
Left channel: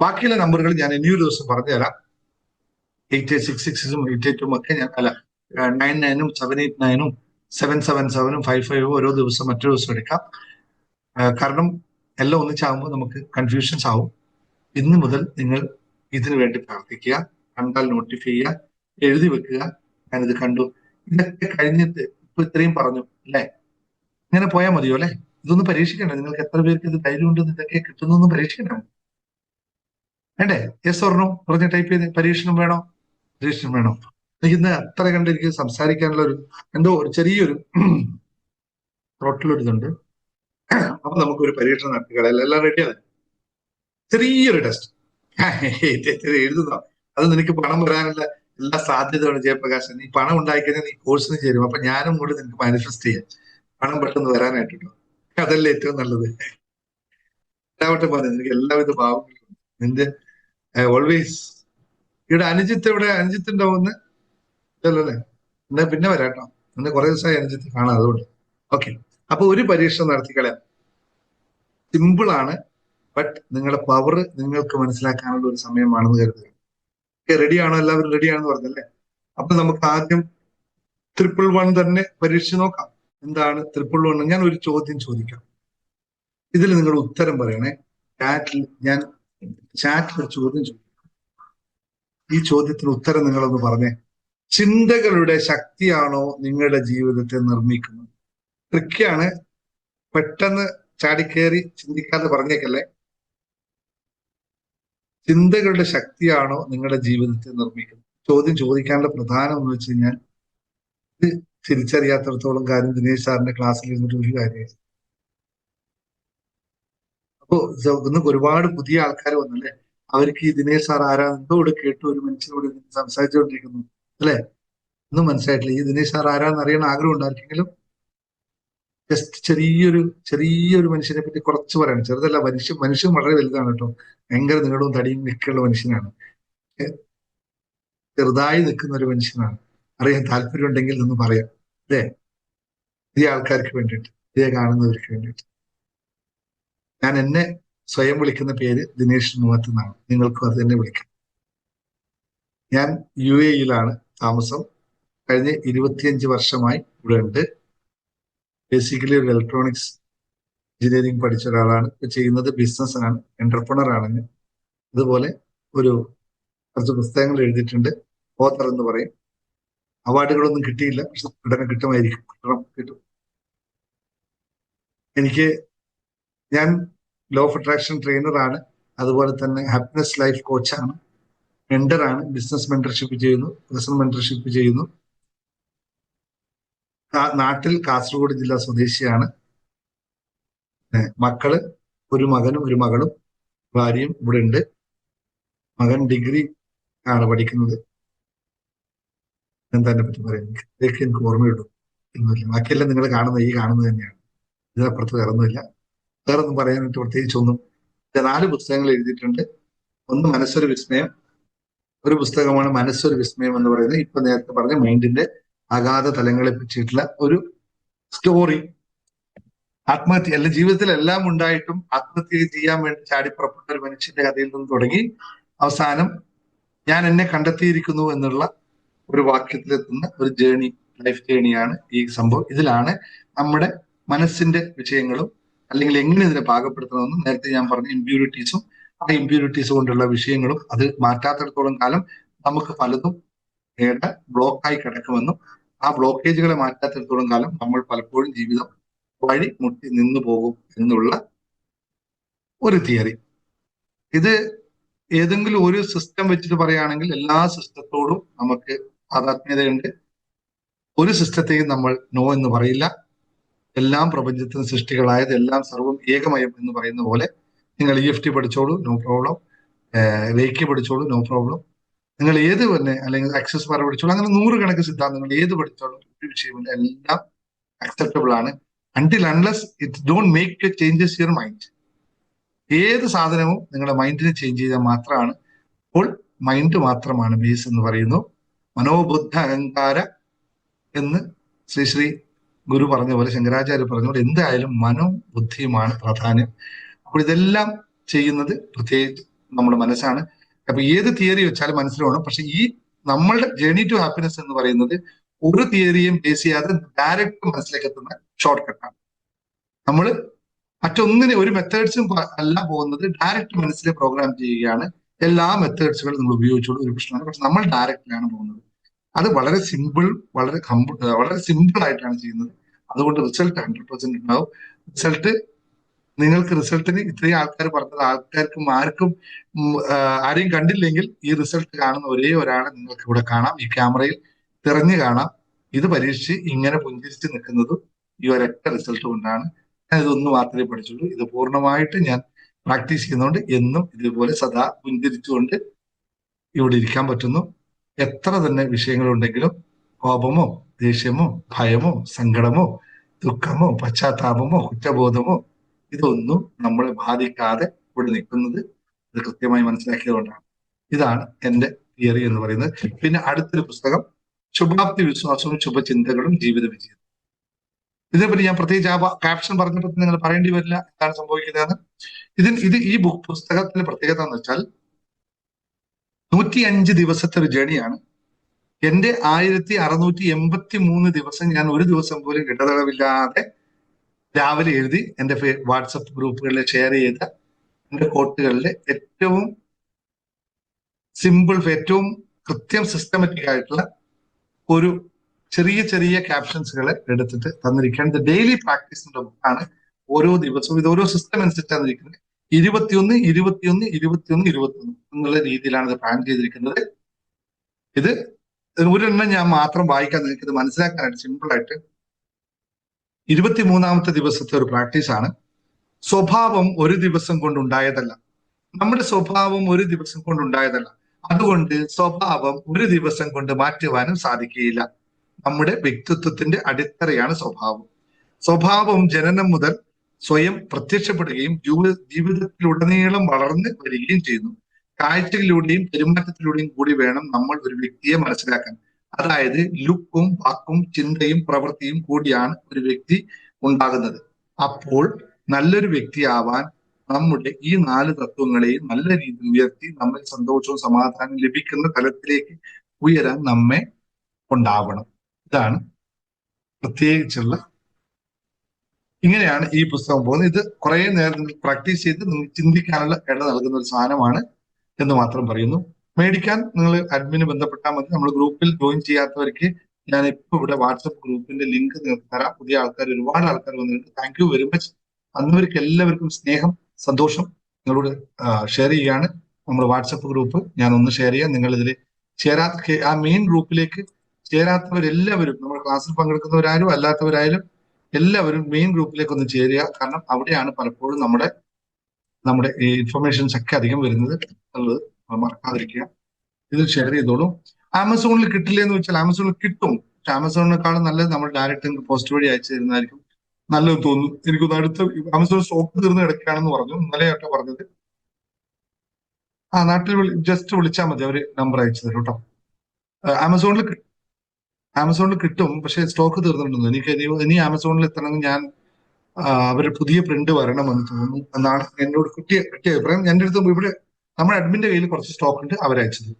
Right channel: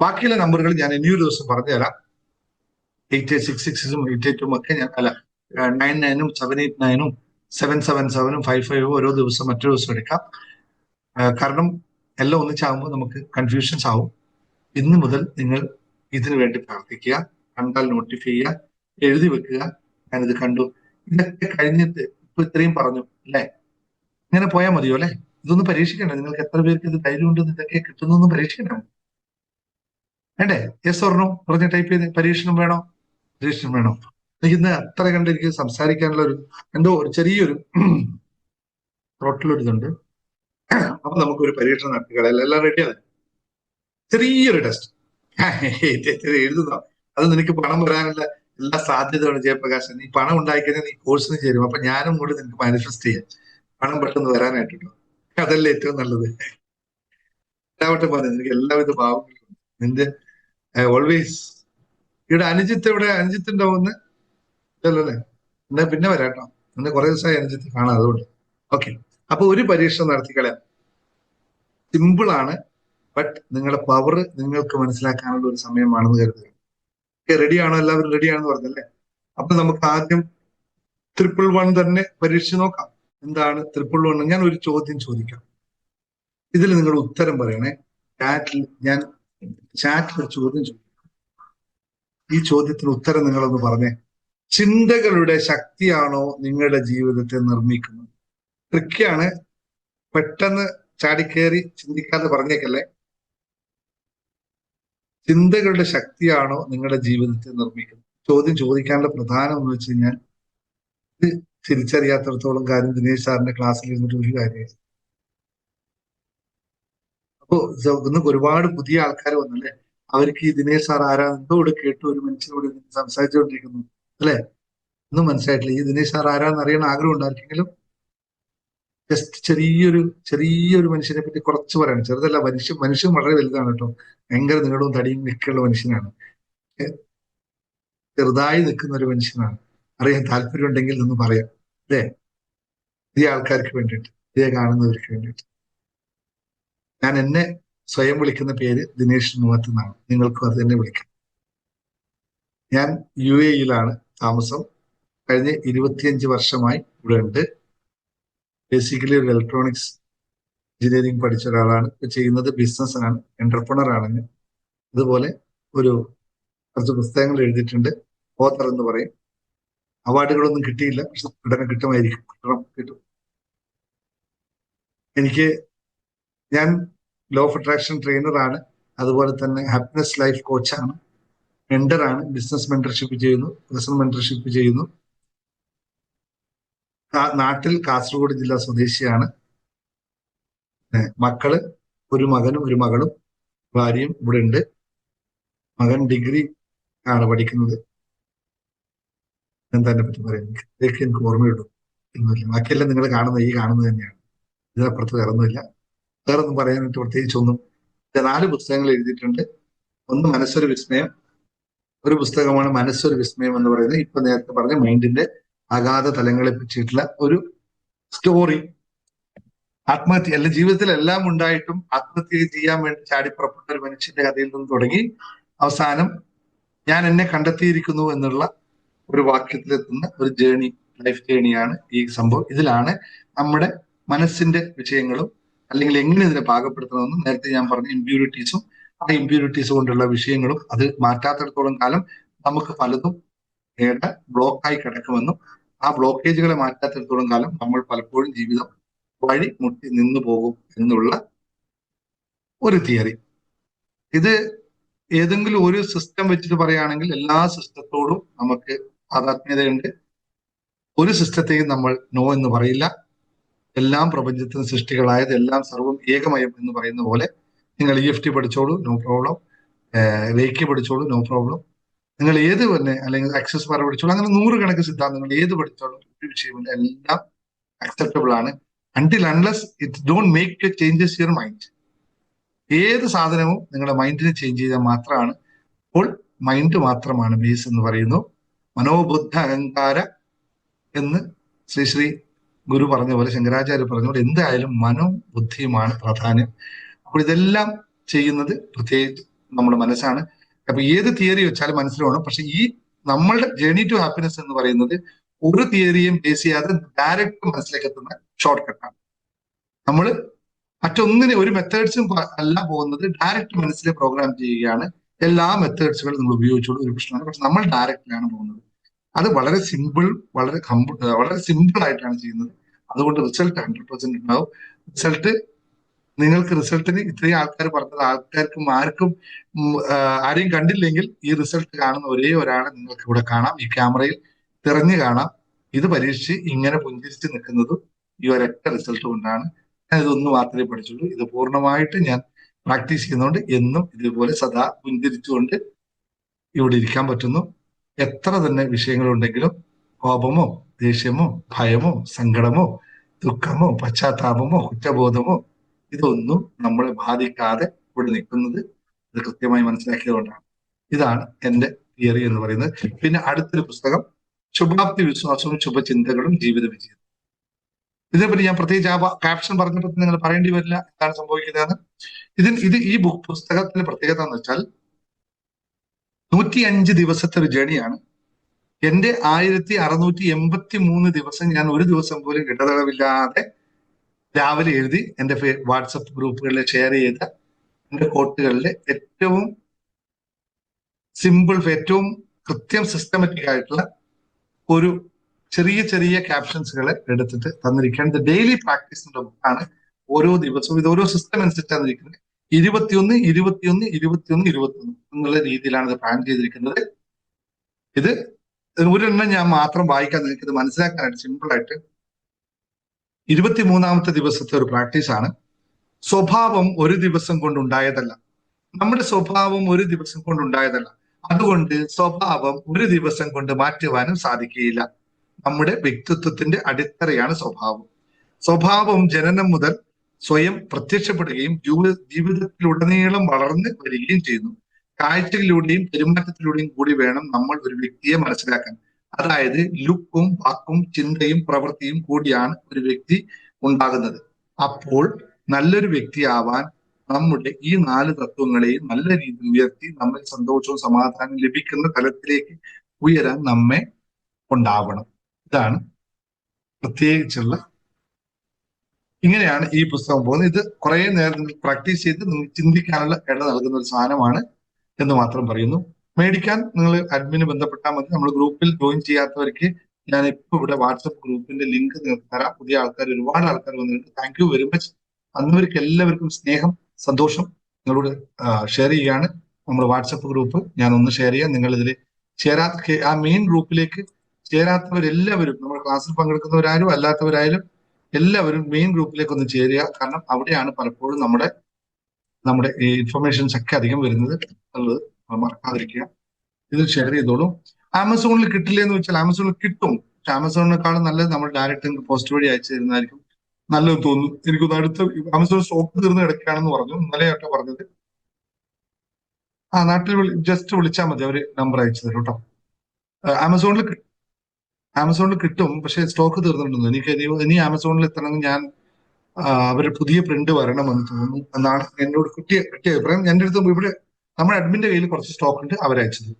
ബാക്കിയുള്ള നമ്പറുകൾ ഞാൻ ഇനിയൊരു ദിവസം പറഞ്ഞുതരാം. 8866 88 ഒക്കെ ഞാൻ 99 789 777 55 ഓരോ ദിവസം മറ്റൊരു ദിവസം എടുക്കാം. കാരണം എല്ലാം ഒന്നിച്ചാകുമ്പോൾ നമുക്ക് കൺഫ്യൂഷൻസ് ആവും. ഇന്ന് മുതൽ നിങ്ങൾ ഇതിനു വേണ്ടി പ്രാർത്ഥിക്കുക, കണ്ടാൽ നോട്ടിഫൈ ചെയ്യുക, എഴുതി വെക്കുക. ഞാനിത് കണ്ടു, ഇതൊക്കെ കഴിഞ്ഞിട്ട് ഇപ്പൊ ഇത്രയും പറഞ്ഞു അല്ലെ, ഇങ്ങനെ പോയാൽ മതിയോ അല്ലെ? ഇതൊന്ന് പരീക്ഷിക്കണ്ടേ? നിങ്ങൾക്ക് എത്ര പേർക്ക് ഇത് ധൈര്യം കൊണ്ട് ഇതൊക്കെ കിട്ടുന്നൊന്നും പരീക്ഷിക്കണ്ടേ? വേണ്ടേ? യെസ് ഓർണോ പറഞ്ഞ് ടൈപ്പ് ചെയ്ത് പരീക്ഷണം വേണോ? പരീക്ഷണം വേണോ? എനിക്ക് ഇന്ന് അത്ര കണ്ട് എനിക്ക് സംസാരിക്കാനുള്ള ഒരു എന്തോ ഒരു ചെറിയൊരു ത്രോട്ടിലൊരിതുണ്ട്. അപ്പൊ നമുക്കൊരു പരീക്ഷണം നടത്തിക്കളയല്ല. എല്ലാം റെഡിയാണ്. ചെറിയൊരു ടെസ്റ്റ് എഴുതുന്നോ? അത് നിനക്ക് പണം വരാനുള്ള എല്ലാ സാധ്യതകളും ജയപ്രകാശൻ. നീ പണം ഉണ്ടായിക്കഴിഞ്ഞാൽ നീ കോഴ്സിന് ചേരും. അപ്പൊ ഞാനും കൂടി നിനക്ക് മാനിഫെസ്റ്റ് ചെയ്യാം പണം പെട്ടെന്ന് വരാനായിട്ടോ. അതല്ലേ ഏറ്റവും നല്ലത്. എല്ലാവട്ടെ പറഞ്ഞു നിനക്ക് എല്ലാവിധ ഭാവങ്ങളും. നിന്റെ ഓൾവേസ് ഇവിടെ അനുജിത്ത് എവിടെ? അനുജിത്ത് ഉണ്ടാവുമെന്ന് ഇല്ലല്ലോ അല്ലെ? എന്നാ പിന്നെ വരാട്ടോ. എന്നെ കുറെ ദിവസമായി അനുജിത്ത് കാണാം, അതുകൊണ്ട്. ഓക്കെ, അപ്പൊ ഒരു പരീക്ഷണം നടത്തിക്കളയാം. സിമ്പിൾ ആണ്, ബട്ട് നിങ്ങളുടെ പവർ നിങ്ങൾക്ക് മനസ്സിലാക്കാനുള്ള ഒരു സമയമാണെന്ന് കരുതുക. റെഡിയാണോ? എല്ലാവരും റെഡിയാണെന്ന് പറഞ്ഞല്ലേ? അപ്പൊ നമുക്ക് ആദ്യം 111 തന്നെ പരീക്ഷിച്ച് നോക്കാം. എന്താണ് 111? ഞാൻ ഒരു ചോദ്യം ചോദിക്കാം, ഇതിൽ നിങ്ങൾ ഉത്തരം പറയണേ. ഞാൻ ചാറ്റിൽ ഒരു ചോദ്യം ചോദിക്കാം. ഈ ചോദ്യത്തിന് ഉത്തരം നിങ്ങളൊന്ന് പറഞ്ഞേ. ചിന്തകളുടെ ശക്തിയാണോ നിങ്ങളുടെ ജീവിതത്തെ നിർമ്മിക്കുന്നത്? ട്രിക്കാണ്, പെട്ടെന്ന് ചാടിക്കേറി ചിന്തിക്കാതെ പറഞ്ഞേക്കല്ലേ. ചിന്തകളുടെ ശക്തിയാണോ നിങ്ങളുടെ ജീവിതത്തെ നിർമ്മിക്കുന്നത്? ചോദ്യം ചോദിക്കാനുള്ള പ്രധാനം എന്ന് വെച്ച് കഴിഞ്ഞാൽ ഇത് തിരിച്ചറിയാത്തടത്തോളം കാര്യം ദിനേശ് സാറിന്റെ ക്ലാസ്സിൽ ഇരുന്നിട്ട് ഒരു കാര്യമില്ല. അപ്പോ ഇന്ന് ഒരുപാട് പുതിയ ആൾക്കാർ വന്നല്ലേ, അവർക്ക് ഈ ദിനേശ് സാർ ആരാ എന്തോട് കേട്ടു ഒരു മനുഷ്യനോട് സംസാരിച്ചുകൊണ്ടിരിക്കുന്നു അല്ലെ, ഒന്നും മനസ്സിലായിട്ടില്ല. ഈ ദിനേശ് സാർ ആരാന്ന് അറിയാൻ ആഗ്രഹം ഉണ്ടായിരിക്കെങ്കിലും ജസ്റ്റ് ചെറിയൊരു മനുഷ്യനെ പറ്റി കുറച്ച് പറയാം. ചെറുതല്ല, മനുഷ്യൻ വളരെ വലുതാണ് കേട്ടോ. ഭയങ്കര നീളവും തടിയും നിൽക്കുള്ള മനുഷ്യനാണ്. ചെറുതായി നിൽക്കുന്ന ഒരു മനുഷ്യനാണ്. അറിയാൻ താല്പര്യം ഉണ്ടെങ്കിൽ എന്ന് പറയാം അല്ലേ, ഈ ആൾക്കാർക്ക് വേണ്ടിയിട്ട്, ഇതേ കാണുന്നവർക്ക് വേണ്ടിയിട്ട്. ഞാൻ എന്നെ സ്വയം വിളിക്കുന്ന പേര് ദിനേശ് മൂവത്ത് എന്നാണ്. നിങ്ങൾക്കും അത് തന്നെ വിളിക്കാം. ഞാൻ UAE-യിലാണ് താമസം. കഴിഞ്ഞ 25 വർഷമായി ഇവിടെ ഉണ്ട്. ബേസിക്കലി ഒരു ഇലക്ട്രോണിക്സ് എഞ്ചിനീയറിംഗ് പഠിച്ച ഒരാളാണ്. ഇപ്പൊ ചെയ്യുന്നത് ബിസിനസ് ആണ്, എന്റർപ്രണർ ആണ്. അതുപോലെ കുറച്ച് പുസ്തകങ്ങൾ എഴുതിയിട്ടുണ്ട്, ഓത്തർ എന്ന് പറയും. അവാർഡുകളൊന്നും കിട്ടിയില്ല, പക്ഷെ ഉടനെ കിട്ടുമായിരിക്കും. കിട്ടും. ഞാൻ ലോ ഓഫ് അട്രാക്ഷൻ ട്രെയിനറാണ്, അതുപോലെ തന്നെ ഹാപ്പിനെസ് ലൈഫ് കോച്ചാണ്, മെന്ററാണ്, ബിസിനസ് മെന്റർഷിപ്പ് ചെയ്യുന്നു, പേഴ്സണൽ മെന്റർഷിപ്പ് ചെയ്യുന്നു. നാട്ടിൽ കാസർഗോഡ് ജില്ലാ സ്വദേശിയാണ്. മക്കള് ഒരു മകനും ഒരു മകളും, ഭാര്യയും ഇവിടെ ഉണ്ട്. മകൻ ഡിഗ്രി ആണ് പഠിക്കുന്നത്. എന്താ എന്നെ പറ്റി പറയുന്നത്? ഇതൊക്കെ എനിക്ക് ഓർമ്മയിടും. ബാക്കിയെല്ലാം നിങ്ങൾ കാണുന്നത് തന്നെയാണ്. ഇതിനപ്പുറത്ത് വേറൊന്നുമില്ല. വേറൊന്നും പറയാനായിട്ട് പ്രത്യേകിച്ചൊന്നും. 4 പുസ്തകങ്ങൾ എഴുതിയിട്ടുണ്ട്. ഒന്ന് മനസ്സൊരു വിസ്മയം, ഒരു പുസ്തകമാണ് മനസ്സൊരു വിസ്മയം എന്ന് പറയുന്നത്. ഇപ്പൊ നേരത്തെ പറഞ്ഞ മൈൻഡിന്റെ അഗാധ തലങ്ങളെ പറ്റിയിട്ടുള്ള ഒരു സ്റ്റോറി. ആത്മഹത്യ അല്ലെ, ജീവിതത്തിൽ എല്ലാം ഉണ്ടായിട്ടും ആത്മഹത്യ ചെയ്യാൻ വേണ്ടി ചാടിപ്പുറപ്പെട്ട ഒരു മനുഷ്യന്റെ കഥയിൽ നിന്ന് തുടങ്ങി അവസാനം ഞാൻ എന്നെ കണ്ടെത്തിയിരിക്കുന്നു എന്നുള്ള ഒരു വാക്യത്തിലെത്തുന്ന ഒരു ജേണി ലൈഫ് ജേണിയാണ് ഈ സംഭവം. ഇതിലാണ് നമ്മുടെ മനസ്സിന്റെ വിഷയങ്ങളും അല്ലെങ്കിൽ എങ്ങനെ ഇതിനെ പാകപ്പെടുത്തണമെന്നും നേരത്തെ ഞാൻ പറഞ്ഞ ഇമ്പ്യൂരിറ്റീസും ആ ഇമ്പ്യൂരിറ്റീസ് കൊണ്ടുള്ള വിഷയങ്ങളും അത് മാറ്റാത്തിടത്തോളം കാലം നമുക്ക് പലതും ബ്ലോക്കായി കിടക്കുമെന്നും ആ ബ്ലോക്കേജുകളെ മാറ്റാത്തിടത്തോളം കാലം നമ്മൾ പലപ്പോഴും ജീവിതം വഴി മുട്ടി നിന്നു പോകും എന്നുള്ള ഒരു തിയറി. ഇത് ഏതെങ്കിലും ഒരു സിസ്റ്റം വെച്ചിട്ട് പറയുകയാണെങ്കിൽ എല്ലാ സിസ്റ്റത്തോടും നമുക്ക് താതാത്മ്യതയുണ്ട്. ഒരു സിസ്റ്റത്തെയും നമ്മൾ നോ എന്ന് പറയില്ല. എല്ലാം പ്രപഞ്ചത്തിന് സൃഷ്ടികളായത്, എല്ലാം സർവ്വം ഏകമയം എന്ന് പറയുന്ന പോലെ നിങ്ങൾ EFT പഠിച്ചോളൂ, നോ പ്രോബ്ലം. റേക്കി പഠിച്ചോളൂ, നോ പ്രോബ്ലം. നിങ്ങൾ ഏത് തന്നെ അല്ലെങ്കിൽ ആക്സസ് ബാർ പഠിച്ചോളൂ, അങ്ങനെ നൂറുകണക്കിന് സിദ്ധാന്തങ്ങൾ ഏത് പഠിച്ചോളൂ, ഒരു വിഷയമില്ല, എല്ലാം അക്സെപ്റ്റബിൾ ആണ്. Until unless it don't make changes your mind. ഏത് സാധനവും നിങ്ങളുടെ മൈൻഡിനെ ചേഞ്ച് ചെയ്താൽ മാത്രമാണ്. അപ്പോൾ മൈൻഡ് മാത്രമാണ് ബേസ് എന്ന് പറയുന്നു. മനോബുദ്ധ അഹങ്കാര എന്ന് ശ്രീ ഗുരു പറഞ്ഞ പോലെ, ശങ്കരാചാര്യ പറഞ്ഞ പോലെ, എന്തായാലും മനോബുദ്ധിയുമാണ് പ്രാധാന്യം. അപ്പോൾ ഇതെല്ലാം ചെയ്യുന്നത് പ്രത്യേകിച്ച് നമ്മുടെ മനസ്സാണ്. അപ്പൊ ഏത് തിയറി വെച്ചാലും മനസ്സിലാവണം. പക്ഷെ ഈ നമ്മളുടെ ജേർണി ടു ഹാപ്പിനെസ് എന്ന് പറയുന്നത് ഒരു തിയറിയും ബേസ് ചെയ്യാതെ ഡയറക്റ്റ് മനസ്സിലേക്ക് എത്തുന്ന ഷോർട്ട് കട്ടാണ്. നമ്മൾ മറ്റൊന്നിനെ ഒരു മെത്തേഡ്സും അല്ല പോകുന്നത്, ഡയറക്റ്റ് മനസ്സിലെ പ്രോഗ്രാം ചെയ്യുകയാണ്. എല്ലാ മെത്തേഡ്സുകളും നമ്മൾ ഉപയോഗിച്ചോളൂ, ഒരു പ്രശ്നമാണ്. പക്ഷെ നമ്മൾ ഡയറക്റ്റിലാണ് പോകുന്നത്. അത് വളരെ സിമ്പിൾ, വളരെ സിമ്പിൾ ആയിട്ടാണ് ചെയ്യുന്നത്. അതുകൊണ്ട് റിസൾട്ട് 100% ഉണ്ടാവും. റിസൾട്ട് നിങ്ങൾക്ക് റിസൾട്ടിന് ഇത്രയും ആൾക്കാർ പറഞ്ഞത് ആൾക്കാർക്കും ആരെയും കണ്ടില്ലെങ്കിൽ ഈ റിസൾട്ട് കാണുന്ന ഒരേ ഒരാളെ നിങ്ങൾക്ക് ഇവിടെ കാണാം, ഈ ക്യാമറയിൽ തെരഞ്ഞു കാണാം. ഇത് പരീക്ഷിച്ച് ഇങ്ങനെ പുഞ്ചിരിച്ച് നിൽക്കുന്നതും ഈ ഒരൊറ്റ റിസൾട്ട് കൊണ്ടാണ്. ഞാൻ ഇതൊന്ന് മാത്രമേ പഠിച്ചുള്ളൂ. ഇത് പൂർണ്ണമായിട്ട് ഞാൻ പ്രാക്ടീസ് ചെയ്യുന്നതുകൊണ്ട് എന്നും ഇതേപോലെ സദാ പുഞ്ചിരിച്ചുകൊണ്ട് ഇവിടെ ഇരിക്കാൻ പറ്റുന്നു. എത്ര തന്നെ വിഷയങ്ങളുണ്ടെങ്കിലും കോപമോ ദേഷ്യമോ ഭയമോ സങ്കടമോ ദുഃഖമോ പശ്ചാത്താപമോ കുറ്റബോധമോ ഇതൊന്നും നമ്മളെ ബാധിക്കാതെ ഇവിടെ നിൽക്കുന്നത് ഇത് കൃത്യമായി മനസ്സിലാക്കിയതുകൊണ്ടാണ്. ഇതാണ് എന്റെ തിയറി എന്ന് പറയുന്നത്. പിന്നെ അടുത്തൊരു പുസ്തകം ശുഭാപ്തി വിശ്വാസവും ശുഭചിന്തകളും ജീവിത വിജയം. ഇതേപറ്റി ഞാൻ പ്രത്യേകിച്ച് ആ ക്യാപ്ഷൻ പറഞ്ഞപ്പോൾ നിങ്ങൾ പറയേണ്ടി വരില്ല എന്താണ് സംഭവിക്കുന്നത്. ഈ പുസ്തകത്തിന്റെ പ്രത്യേകത എന്ന് വെച്ചാൽ 105 ദിവസത്തെ ഒരു ജേണിയാണ്. എന്റെ 1683 ദിവസം ഞാൻ ഒരു ദിവസം പോലും ഇടതടവില്ലാതെ രാവിലെ എഴുതി എന്റെ വാട്സപ്പ് ഗ്രൂപ്പുകളിൽ ഷെയർ ചെയ്ത എന്റെ കോട്ടുകളിലെ ഏറ്റവും സിമ്പിൾ, ഏറ്റവും കൃത്യം സിസ്റ്റമാറ്റിക് ആയിട്ടുള്ള ഒരു ചെറിയ ചെറിയ ക്യാപ്ഷൻസുകളെ എടുത്തിട്ട് തന്നിരിക്കുകയാണ്. ഇത് ഡെയിലി പ്രാക്ടീസിന്റെ ബുക്കാണ്. ഓരോ ദിവസവും ഇത് ഓരോ സിസ്റ്റം അനുസരിച്ചാണ് ഇരിക്കുന്നത്. 21, 21, 21, 21 എന്നുള്ള രീതിയിലാണ് ഇത് പ്ലാൻ ചെയ്തിരിക്കുന്നത്. ഇത് ഒരെണ്ണം ഞാൻ മാത്രം വായിക്കാൻ നിൽക്കുന്നത് മനസ്സിലാക്കാനായിട്ട് സിമ്പിൾ ആയിട്ട്. 23ാമത്തെ ദിവസത്തെ ഒരു പ്രാക്ടീസാണ്. സ്വഭാവം ഒരു ദിവസം കൊണ്ടുണ്ടായതല്ല. നമ്മുടെ സ്വഭാവം ഒരു ദിവസം കൊണ്ടുണ്ടായതല്ല. അതുകൊണ്ട് സ്വഭാവം ഒരു ദിവസം കൊണ്ട് മാറ്റുവാനും സാധിക്കുകയില്ല. നമ്മുടെ വ്യക്തിത്വത്തിന്റെ അടിത്തറയാണ് സ്വഭാവം. സ്വഭാവം ജനനം മുതൽ സ്വയം പ്രത്യക്ഷപ്പെടുകയും ജീവിതത്തിലുടനീളം വളർന്നു വരികയും ചെയ്യുന്നു. കാഴ്ചകളിലൂടെയും പെരുമാറ്റത്തിലൂടെയും കൂടി വേണം നമ്മൾ ഒരു വ്യക്തിയെ മനസ്സിലാക്കാൻ. അതായത് ലുക്കും വാക്കും ചിന്തയും പ്രവൃത്തിയും കൂടിയാണ് ഒരു വ്യക്തി ഉണ്ടാകുന്നത്. അപ്പോൾ നല്ലൊരു വ്യക്തിയാവാൻ നമ്മുടെ ഈ 4 തത്വങ്ങളെയും നല്ല രീതിയിൽ ഉയർത്തി നമ്മൾ സന്തോഷവും സമാധാനവും ലഭിക്കുന്ന തലത്തിലേക്ക് ഉയരാൻ നമ്മെ ഉണ്ടാവണം. ഇതാണ് പ്രത്യേകിച്ചുള്ള, ഇങ്ങനെയാണ് ഈ പുസ്തകം പോകുന്നത്. ഇത് കുറെ നേരം പ്രാക്ടീസ് ചെയ്ത് നിങ്ങൾ ചിന്തിക്കാനുള്ള ഇട നൽകുന്ന ഒരു സാധനമാണ് എന്ന് മാത്രം പറയുന്നു. മേടിക്കാൻ നിങ്ങൾ അഡ്മിന് ബന്ധപ്പെട്ടാൽ മതി. നമ്മൾ ഗ്രൂപ്പിൽ ജോയിൻ ചെയ്യാത്തവർക്ക് ഞാൻ ഇപ്പൊ ഇവിടെ വാട്സപ്പ് ഗ്രൂപ്പിന്റെ ലിങ്ക് നിങ്ങൾക്ക് തരാം. പുതിയ ആൾക്കാർ, ഒരുപാട് ആൾക്കാർ വന്നിട്ടുണ്ട്. Thank you very much. അന്നവർക്ക് എല്ലാവർക്കും സ്നേഹം, സന്തോഷം നിങ്ങളോട് ഷെയർ ചെയ്യാണ്. നമ്മുടെ വാട്സപ്പ് ഗ്രൂപ്പ് ഞാൻ ഒന്ന് ഷെയർ ചെയ്യാം. നിങ്ങൾ ഇതിൽ ആ മെയിൻ ഗ്രൂപ്പിലേക്ക് ചേരാത്തവരെല്ലാവരും, നമ്മുടെ ക്ലാസ്സിൽ പങ്കെടുക്കുന്നവരായാലും അല്ലാത്തവരായാലും എല്ലാവരും മെയിൻ ഗ്രൂപ്പിലേക്ക് ഒന്ന് ചേരുക. കാരണം അവിടെയാണ് പലപ്പോഴും നമ്മുടെ ഈ ഇൻഫർമേഷൻസ് ഒക്കെ അധികം വരുന്നത്. അത് മറക്കാതിരിക്കുക. ഇത് ഷെയർ ചെയ്തോളൂ. ആമസോണിൽ കിട്ടില്ല എന്ന് വെച്ചാൽ ആമസോണിൽ കിട്ടും. പക്ഷെ ആമസോണിനെക്കാളും നല്ലത് നമ്മൾ ഡയറക്റ്റ് പോസ്റ്റ് വഴി അയച്ചു തരുന്നതായിരിക്കും നല്ലത് തോന്നുന്നു. എനിക്കൊന്ന് അടുത്ത് ആമസോൺ സ്റ്റോക്ക് തീർന്ന് കിടക്കുകയാണെന്ന് പറഞ്ഞു, ഇന്നലെയൊക്കെ പറഞ്ഞത്. നാട്ടിൽ ജസ്റ്റ് വിളിച്ചാൽ മതി, അവര് നമ്പർ അയച്ചു തരും കേട്ടോ. ആമസോണിൽ കിട്ടും, പക്ഷെ സ്റ്റോക്ക് തീർന്നിട്ടുണ്ടെന്ന്. ഇനി ആമസോണിൽ എത്തണമെങ്കിൽ ഞാൻ അവരുടെ പുതിയ പ്രിന്റ് വരണമെന്ന് എന്നാണ് എന്നോട് കിട്ടിയത്. എന്റെ അടുത്ത് നമ്മുടെ അഡ്മിന്റെ കയ്യിൽ കുറച്ച് സ്റ്റോക്ക് ഉണ്ട്, അവരയച്ചത്.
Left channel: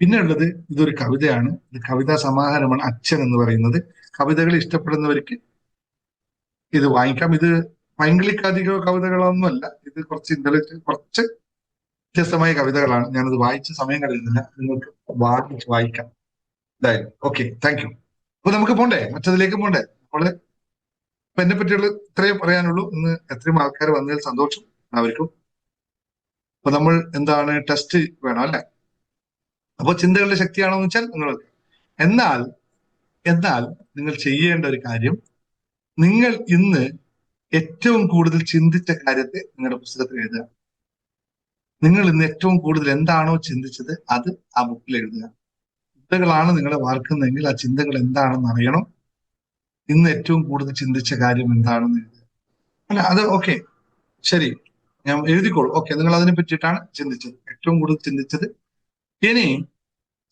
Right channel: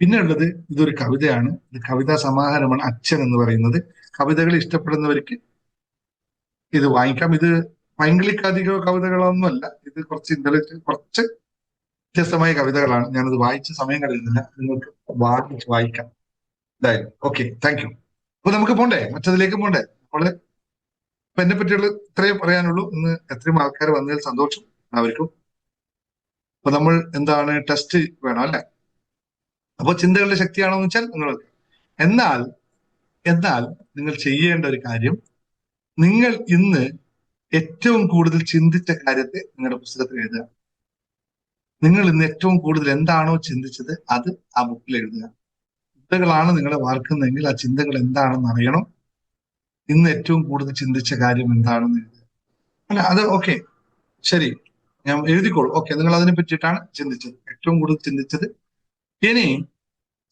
പിന്നെ ഉള്ളത് ഇതൊരു കവിതയാണ്. ഇത് കവിതാ സമാഹാരമാണ് അച്ഛൻ എന്ന് പറയുന്നത്. കവിതകൾ ഇഷ്ടപ്പെടുന്നവർക്ക് ഇത് വാങ്ങിക്കാം. ഇത് പൈങ്കിളിക്കധിക കവിതകളൊന്നുമല്ല. ഇത് കുറച്ച് കുറച്ച് വ്യത്യസ്തമായ കവിതകളാണ്. ഞാനത് വായിച്ച സമയം കളയുന്നില്ല, നിങ്ങൾക്ക് വായിക്കാം എന്തായാലും. Okay, thank you. അപ്പൊ നമുക്ക് പോണ്ടേ, മറ്റതിലേക്ക് പോണ്ടേ. നമ്മള് ഇപ്പൊ എന്നെ പറ്റിയുള്ള ഇത്രയും പറയാനുള്ളൂ. ഇന്ന് എത്രയും ആൾക്കാർ വന്നതിൽ സന്തോഷം അവർക്കും. അപ്പൊ നമ്മൾ എന്താണ് ടെസ്റ്റ് വേണം അല്ല. അപ്പൊ ചിന്തകളുടെ ശക്തിയാണെന്ന് വെച്ചാൽ നിങ്ങൾക്ക് എന്നാൽ എന്നാൽ നിങ്ങൾ ചെയ്യേണ്ട ഒരു കാര്യം, നിങ്ങൾ ഇന്ന് ഏറ്റവും കൂടുതൽ ചിന്തിച്ച കാര്യത്തെ നിങ്ങളുടെ പുസ്തകത്തിൽ എഴുതുക. നിങ്ങൾ ഇന്ന് ഏറ്റവും കൂടുതൽ എന്താണോ ചിന്തിച്ചത് അത് ആ ബുക്കിൽ എഴുതുക. ചിന്തകളാണ് നിങ്ങളെ വാർക്കുന്നതെങ്കിൽ ആ ചിന്തകൾ എന്താണെന്ന് അറിയണം. ഇന്ന് ഏറ്റവും കൂടുതൽ ചിന്തിച്ച കാര്യം എന്താണെന്ന് എഴുതുക. അല്ല അത് ഓക്കെ, ശരി, ഞാൻ എഴുതിക്കോളൂ. ഓക്കെ, നിങ്ങൾ അതിനെ പറ്റിയിട്ടാണ് ചിന്തിച്ചത്, ഏറ്റവും കൂടുതൽ ചിന്തിച്ചത്. ഇനി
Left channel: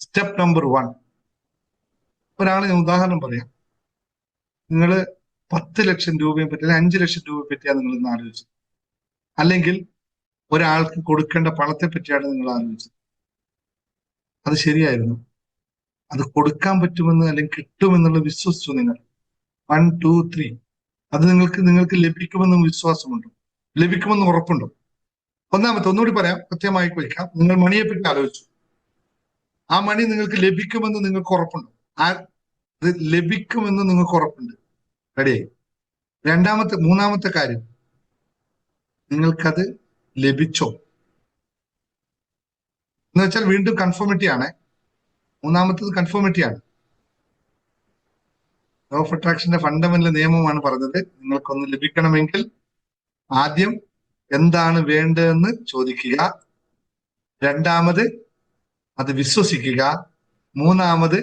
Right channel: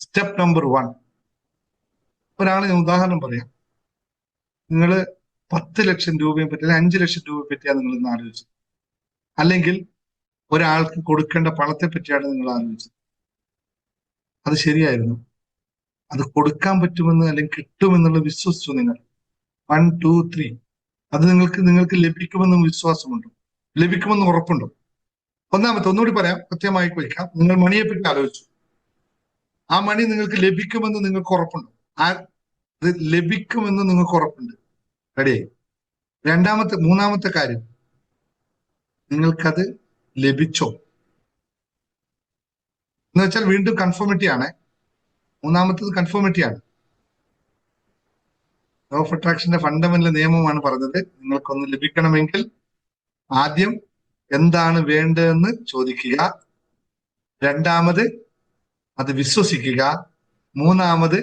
സ്റ്റെപ്പ് നമ്പർ 1, ഒരാളെ ഞാൻ ഉദാഹരണം പറയാം. നിങ്ങൾ 10 ലക്ഷം രൂപയെ പറ്റി, 5 ലക്ഷം രൂപയെ പറ്റിയാണ് നിങ്ങൾ ഇന്ന് ആലോചിച്ചത്. അല്ലെങ്കിൽ ഒരാൾക്ക് കൊടുക്കേണ്ട പണത്തെ പറ്റിയാണ് നിങ്ങൾ ആലോചിച്ചത്. അത് ശരിയായിരുന്നു. അത് കൊടുക്കാൻ പറ്റുമെന്ന് അല്ലെങ്കിൽ കിട്ടുമെന്നുള്ള വിശ്വസിച്ചു നിങ്ങൾ. 1, 2, 3 അത് നിങ്ങൾക്ക് ലഭിക്കുമെന്ന് വിശ്വാസമുണ്ടോ? ലഭിക്കുമെന്ന് ഉറപ്പുണ്ടോ? ഒന്നാമത്തെ, ഒന്നുകൂടി പറയാം, കൃത്യമായി വയ്ക്കാം. നിങ്ങൾ മണിയെ പറ്റി ആലോചിച്ചു. ആ മണി നിങ്ങൾക്ക് ലഭിക്കുമെന്ന് നിങ്ങൾക്ക് ഉറപ്പുണ്ടോ? അത് ലഭിക്കുമെന്ന് നിങ്ങൾക്ക് ഉറപ്പുണ്ട്. റെഡിയായി. മൂന്നാമത്തെ കാര്യം, നിങ്ങൾക്കത് ലഭിച്ചോ എന്ന് വെച്ചാൽ വീണ്ടും കൺഫോമിറ്റി ആണ്. മൂന്നാമത്തത് കൺഫോമിറ്റി ആണ്. ലോ ഓഫ് അട്രാക്ഷന്റെ ഫണ്ടമെന്റൽ നിയമമാണ് പറഞ്ഞത്. നിങ്ങൾക്കൊന്ന് ലഭിക്കണമെങ്കിൽ ആദ്യം എന്താണ് വേണ്ടതെന്ന് ചോദിക്കുക, രണ്ടാമത് അത് വിശ്വസിക്കുക, മൂന്നാമത്